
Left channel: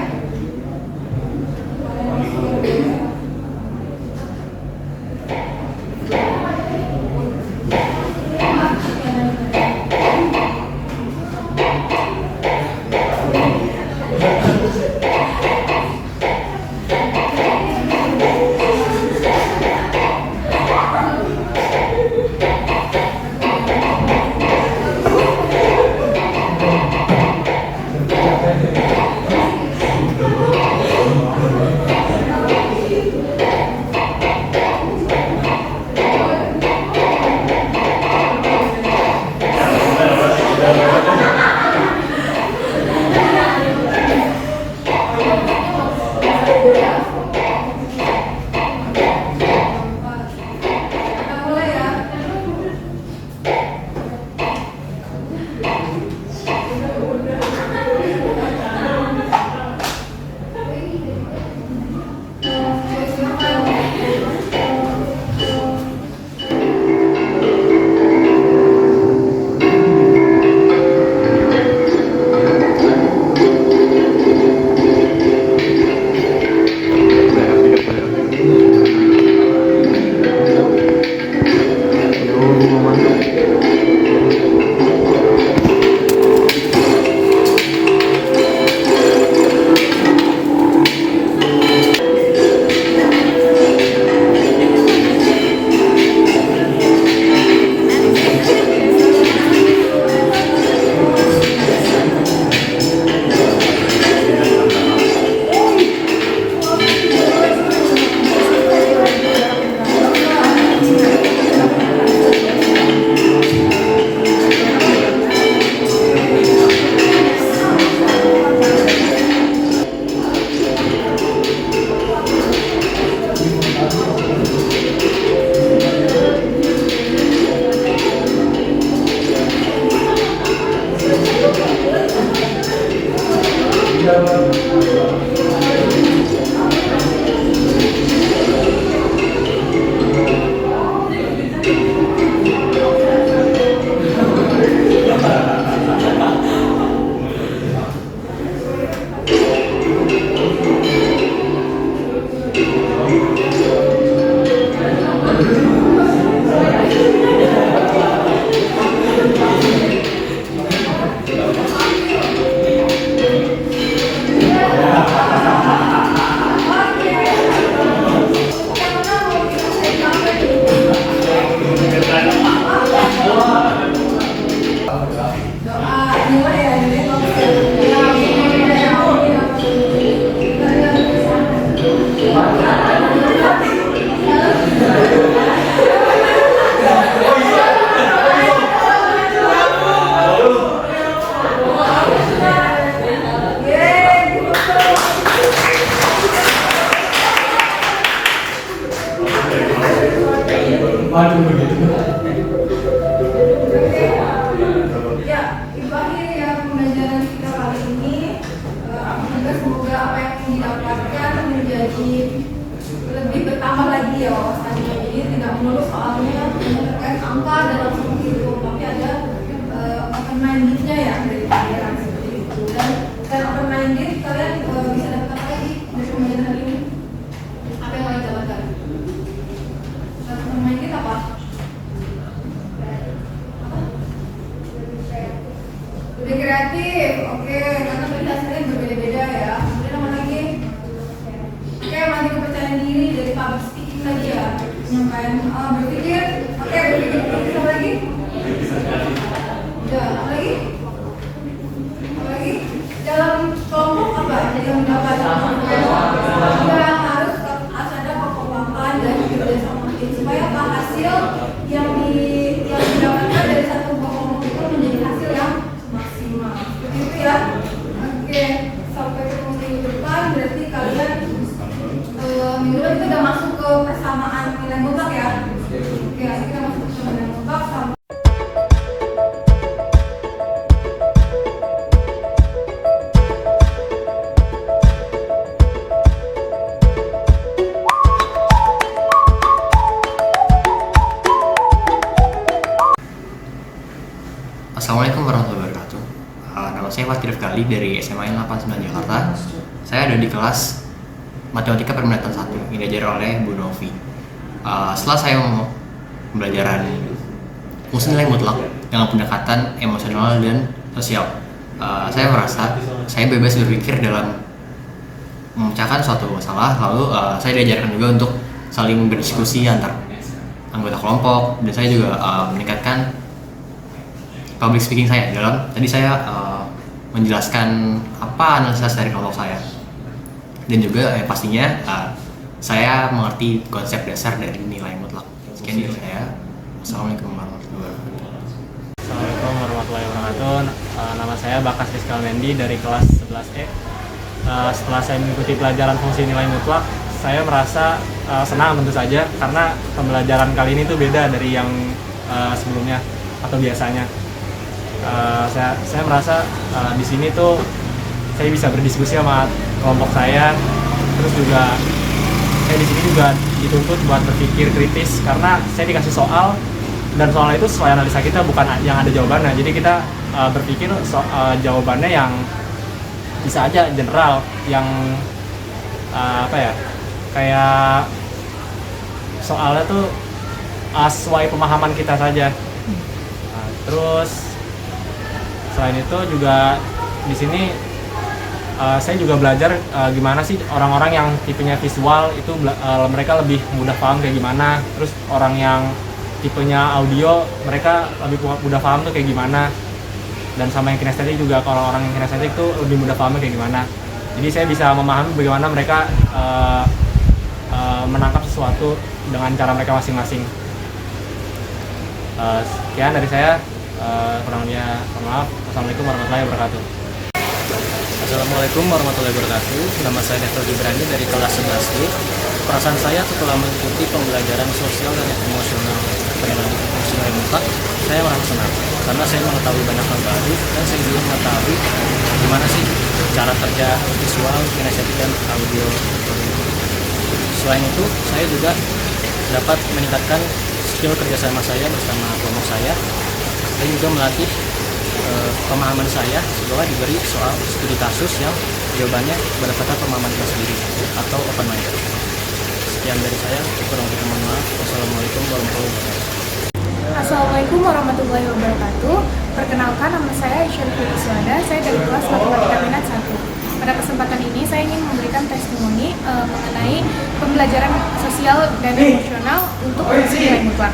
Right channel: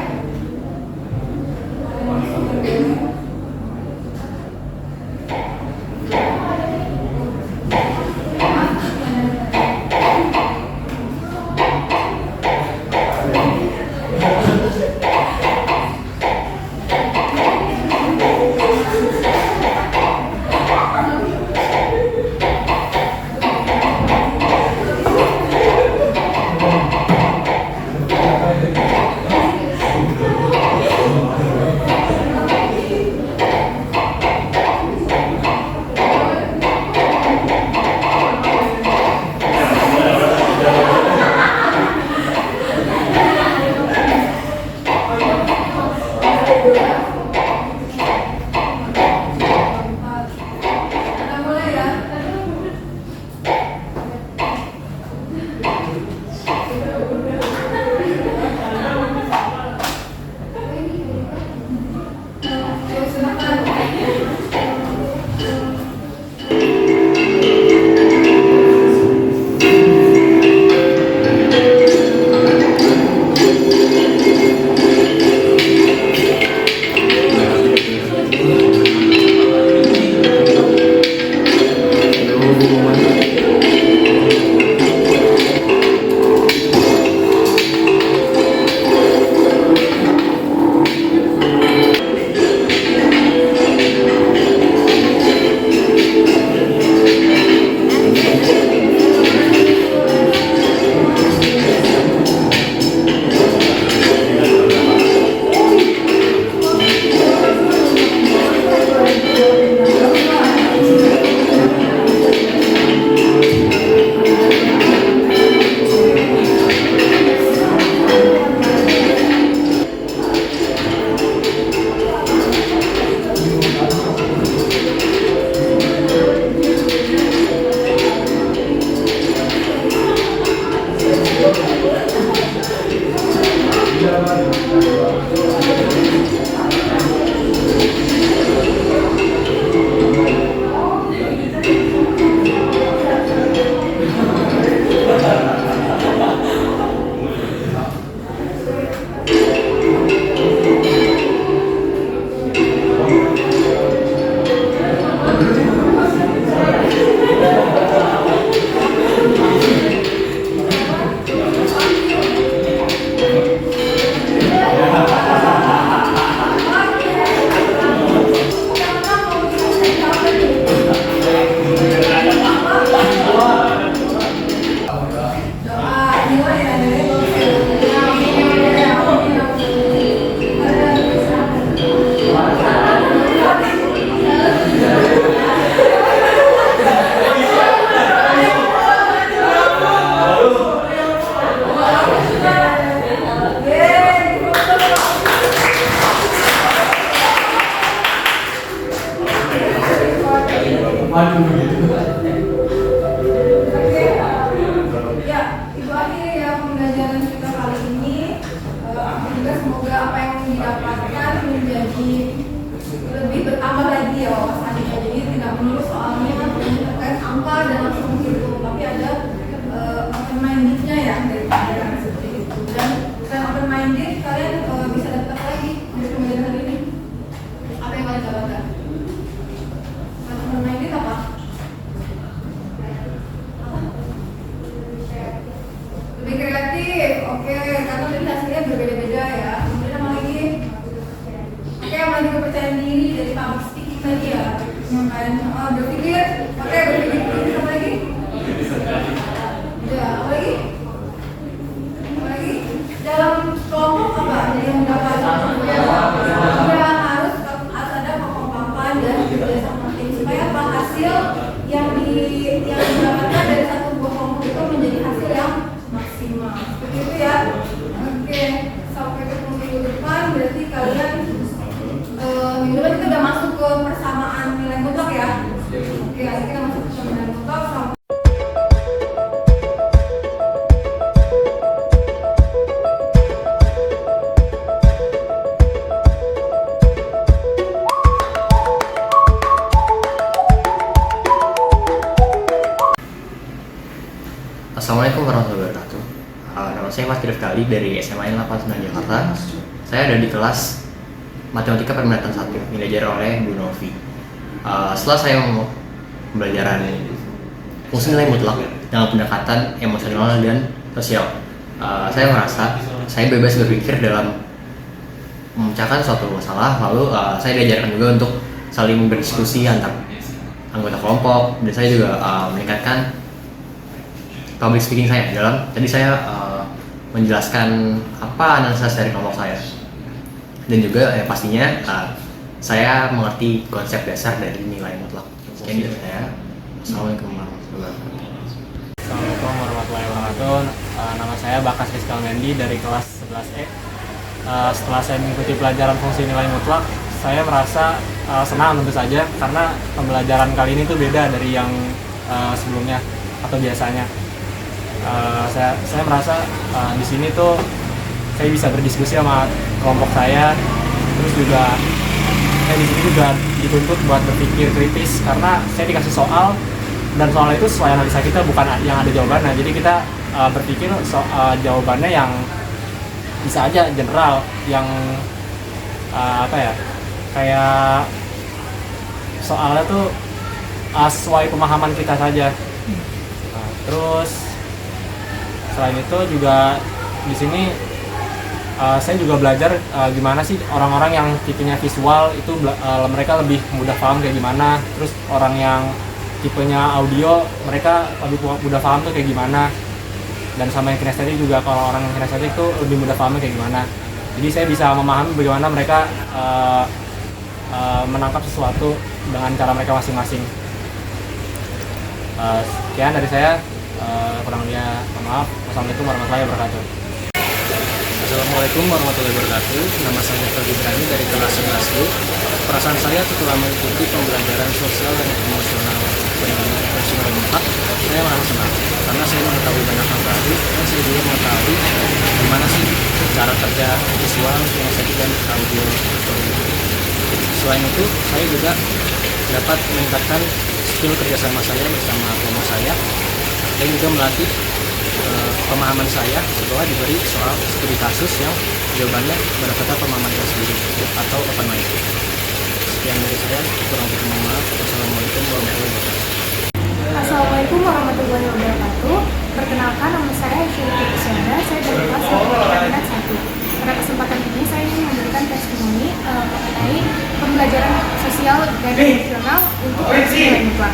Waduh begitu. Ya, itu akhir ya pembelajaran kita kali ini. Juga semoga apa yang didapatkan menjadi lebih bertambah lagi ya wawasannya. Jadi tidak melulu soalnya terkait angka dan langsung gitu, tapi ada open mindednya ya dari pelajaran seperti itu. Dan selain open minded, kalian bisa dapat lagi dari pembelajaran hari ini. Apa yang kalian dapatkan? Selain open minded apa? Lebih kreatif, oke, karena tadi hasilnya berbeda-beda ya. Kemudian apa lagi? Oke, masih kepercayaan diri dari public speaking tadi ya. Penyampaian berpikir, oke, berpikir kritis apa lagi? Udah, apa lagi? Apa lagi? Dalam kelompok apa yang mendapatkan? Juga harus ada kekompakan dan kerjasama tim supaya apa hasil yang didapatkan dari satu buah kelompok itu menjadi hasil yang maksimal. Seperti itu ya. Oke, sampai ketemu minggu depan. Berarti kalian minggu depan kita udah masuk ke persamaan nilai mutlak ya. Oke, kita masuk ke nilai mutlak. Assalamualaikum warahmatullahi wabarakatuh. Nama saya Mas Kali dari SMA 89 Jakarta. Saya ada di kelas Matematika Perminatan 1 yang diajar oleh Bu Novi. Setelah saya mau pembelajaran fungsi nilai mutlak dengan pendekatan emosional dan sosial, saya merasa saya bebas berpikir dalam memecahkan suatu masalah. Lalu saya diajarkan juga untuk saling berdiskusi antar anggota kelompok, dan saya juga meningkatkan public speaking saya dalam tadi saya menjelaskan apa analisa dari kelompok saya, dan juga pastinya saya mengerti konsep dasar dari nilai mutlak. Sekian dari saya. Assalamualaikum warahmatullahi wabarakatuh. Assalamualaikum warahmatullahi wabarakatuh. Nama saya Bakas Rizkal Mendi dari kelas 11E. Setelah saya mengikuti pelajaran fungsi nilai mutlak, saya merasa senang tentu saja karena pembelajaran kali ini tuh beda dari yang sebelumnya atau biasanya. Saya merasa di sini tuh saya bisa berdiskusi sama kelompok saya, terus juga saya di sini juga dituntut buat berpikir kritis karena saya dikasih soal dan soal itu sesuai analisa kita, bukan yang ada jawabannya. Jadi kita berpikir jawabannya yang bisa aja general, yang kayak soalnya tuh sesuai pemahaman kita saja. Terus selain itu juga di sini saya juga belajar gimana sih orang-orang yang tipenya visual itu mereka lebih mudah paham kayak gimana. Terus orang yang tipenya audio mereka lebih mudah paham tuh kayak gimana. Dan sama yang kinestetik juga, kalau orang yang kinestetik tuh lebih mudah paham kayak gimana. Jadi saya bisa memahami bagaimana mereka menangkap sesuatu dengan cara mereka masing-masing. Sekian dari saya. Kurang lebihnya maaf. Wassalamualaikum warahmatullahi wabarakatuh. Assalamualaikum warahmatullahi wabarakatuh. Nama saya Dr. Gibrani dari kelas 11B. Perasaan saya setelah mengikuti pembelajaran sosial dan emosional peringatan fungsi nilai mutlak, saya merasa senang karena saya mengetahui banyak hal baru dan saya juga mengetahui gimana sih cara kerja visual, kinestetik, dan audio. Selain itu, saya juga dapat meningkatkan skill kerjasama saya bersama kelompok saya, dan juga melatih pemahaman saya setelah diberi soal studi kasus yang jawabannya berdasarkan pemahaman saya sendiri atau open mind. Sekian dari saya, kurang lebih mohon maaf. Wassalamualaikum warahmatullahi wabarakatuh. Assalamualaikum warahmatullahi wabarakatuh. Perkenalkan, nama saya Syarifah Iswada. Saya dari kelas Matematika Minat 1. Pada kesempatan ini saya ingin memberikan testimoni mengenai pembelajaran sosial dan emosional untuk fungsi nilai mutlak.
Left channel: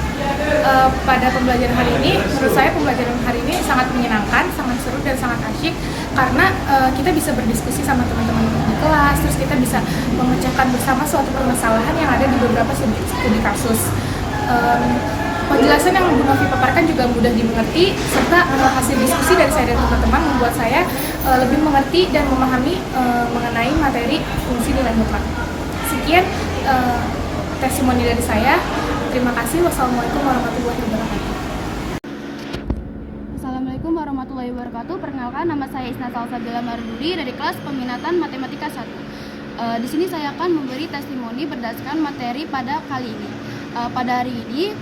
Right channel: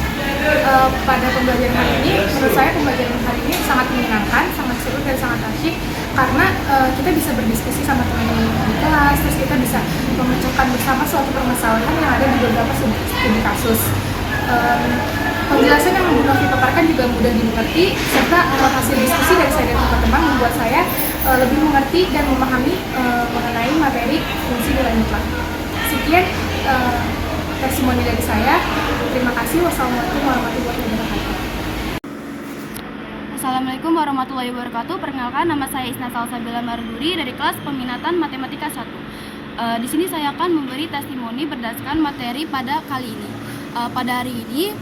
Pada pembelajaran hari ini, menurut saya pembelajaran hari ini sangat menyenangkan, sangat seru dan sangat asyik karena kita bisa berdiskusi sama teman-teman di kelas, terus kita bisa memecahkan bersama suatu permasalahan yang ada di beberapa studi kasus. Penjelasan yang Bu Novi paparkan juga mudah dimengerti, serta hasil diskusi dari saya dan teman-teman membuat saya lebih mengerti dan memahami mengenai materi fungsi nilai mutlak. Sekian testimoni dari saya. Terima kasih. Wassalamualaikum warahmatullahi wabarakatuh. Assalamualaikum warahmatullahi wabarakatuh. Perkenalkan, nama saya Isna Salsabila Marduri dari kelas peminatan Matematika 1. Di sini saya akan memberi testimoni berdasarkan materi pada kali ini. Pada hari ini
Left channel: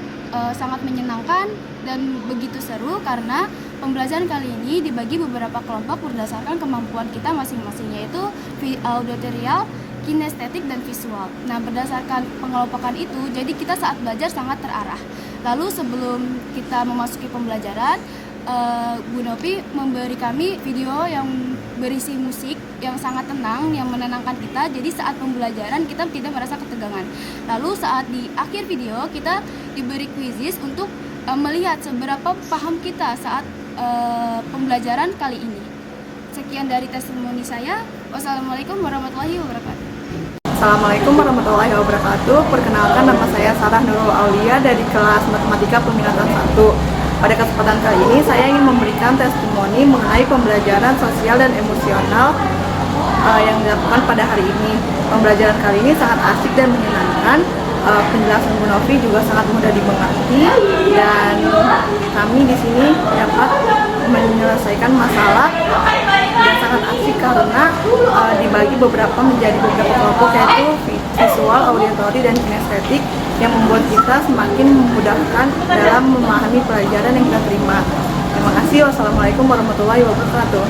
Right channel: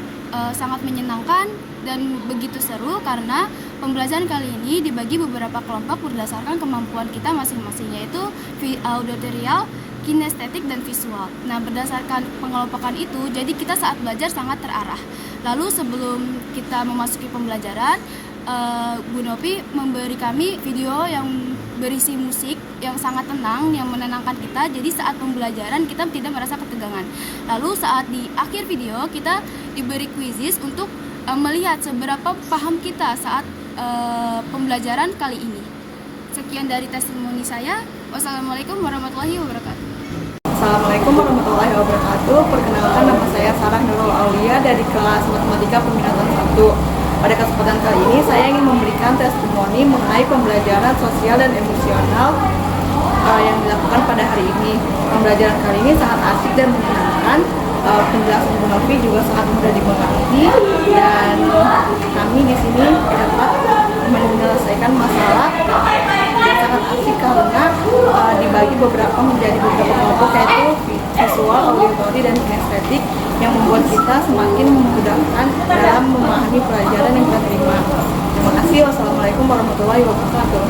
sangat menyenangkan dan begitu seru karena pembelajaran kali ini dibagi beberapa kelompok berdasarkan kemampuan kita masing-masing, yaitu auditorial, kinestetik, dan visual. Nah, berdasarkan pengelompokan itu, jadi kita saat belajar sangat terarah. Lalu sebelum kita memasuki pembelajaran, Bu Novi memberi kami video yang berisi musik yang sangat tenang, yang menenangkan kita. Jadi saat pembelajaran kita tidak merasa ketegangan. Lalu saat di akhir video kita diberi quizzes untuk melihat seberapa paham kita saat pembelajaran kali ini. Sekian dari testimoni saya. Wassalamualaikum warahmatullahi wabarakatuh. Assalamualaikum warahmatullahi wabarakatuh. Perkenalkan, nama saya Sarah Nurul Aulia dari kelas Matematika Peminatan 1. Pada kesempatan kali ini saya ingin memberikan testimoni mengenai pembelajaran sosial dan emosional yang dilakukan pada hari ini. Pembelajaran kali ini sangat asik dan menyenangkan. Penjelasan Bu Novi juga sangat mudah dimengerti dan kami di sini dapat menyelesaikan masalah dan sangat asik karena dibagi menjadi beberapa kelompok, yaitu visual, auditory, dan kinestetik, yang membuat kita semakin memudahkan dalam memahami pelajaran yang kita terima. Terima kasih. Wassalamualaikum warahmatullahi wabarakatuh.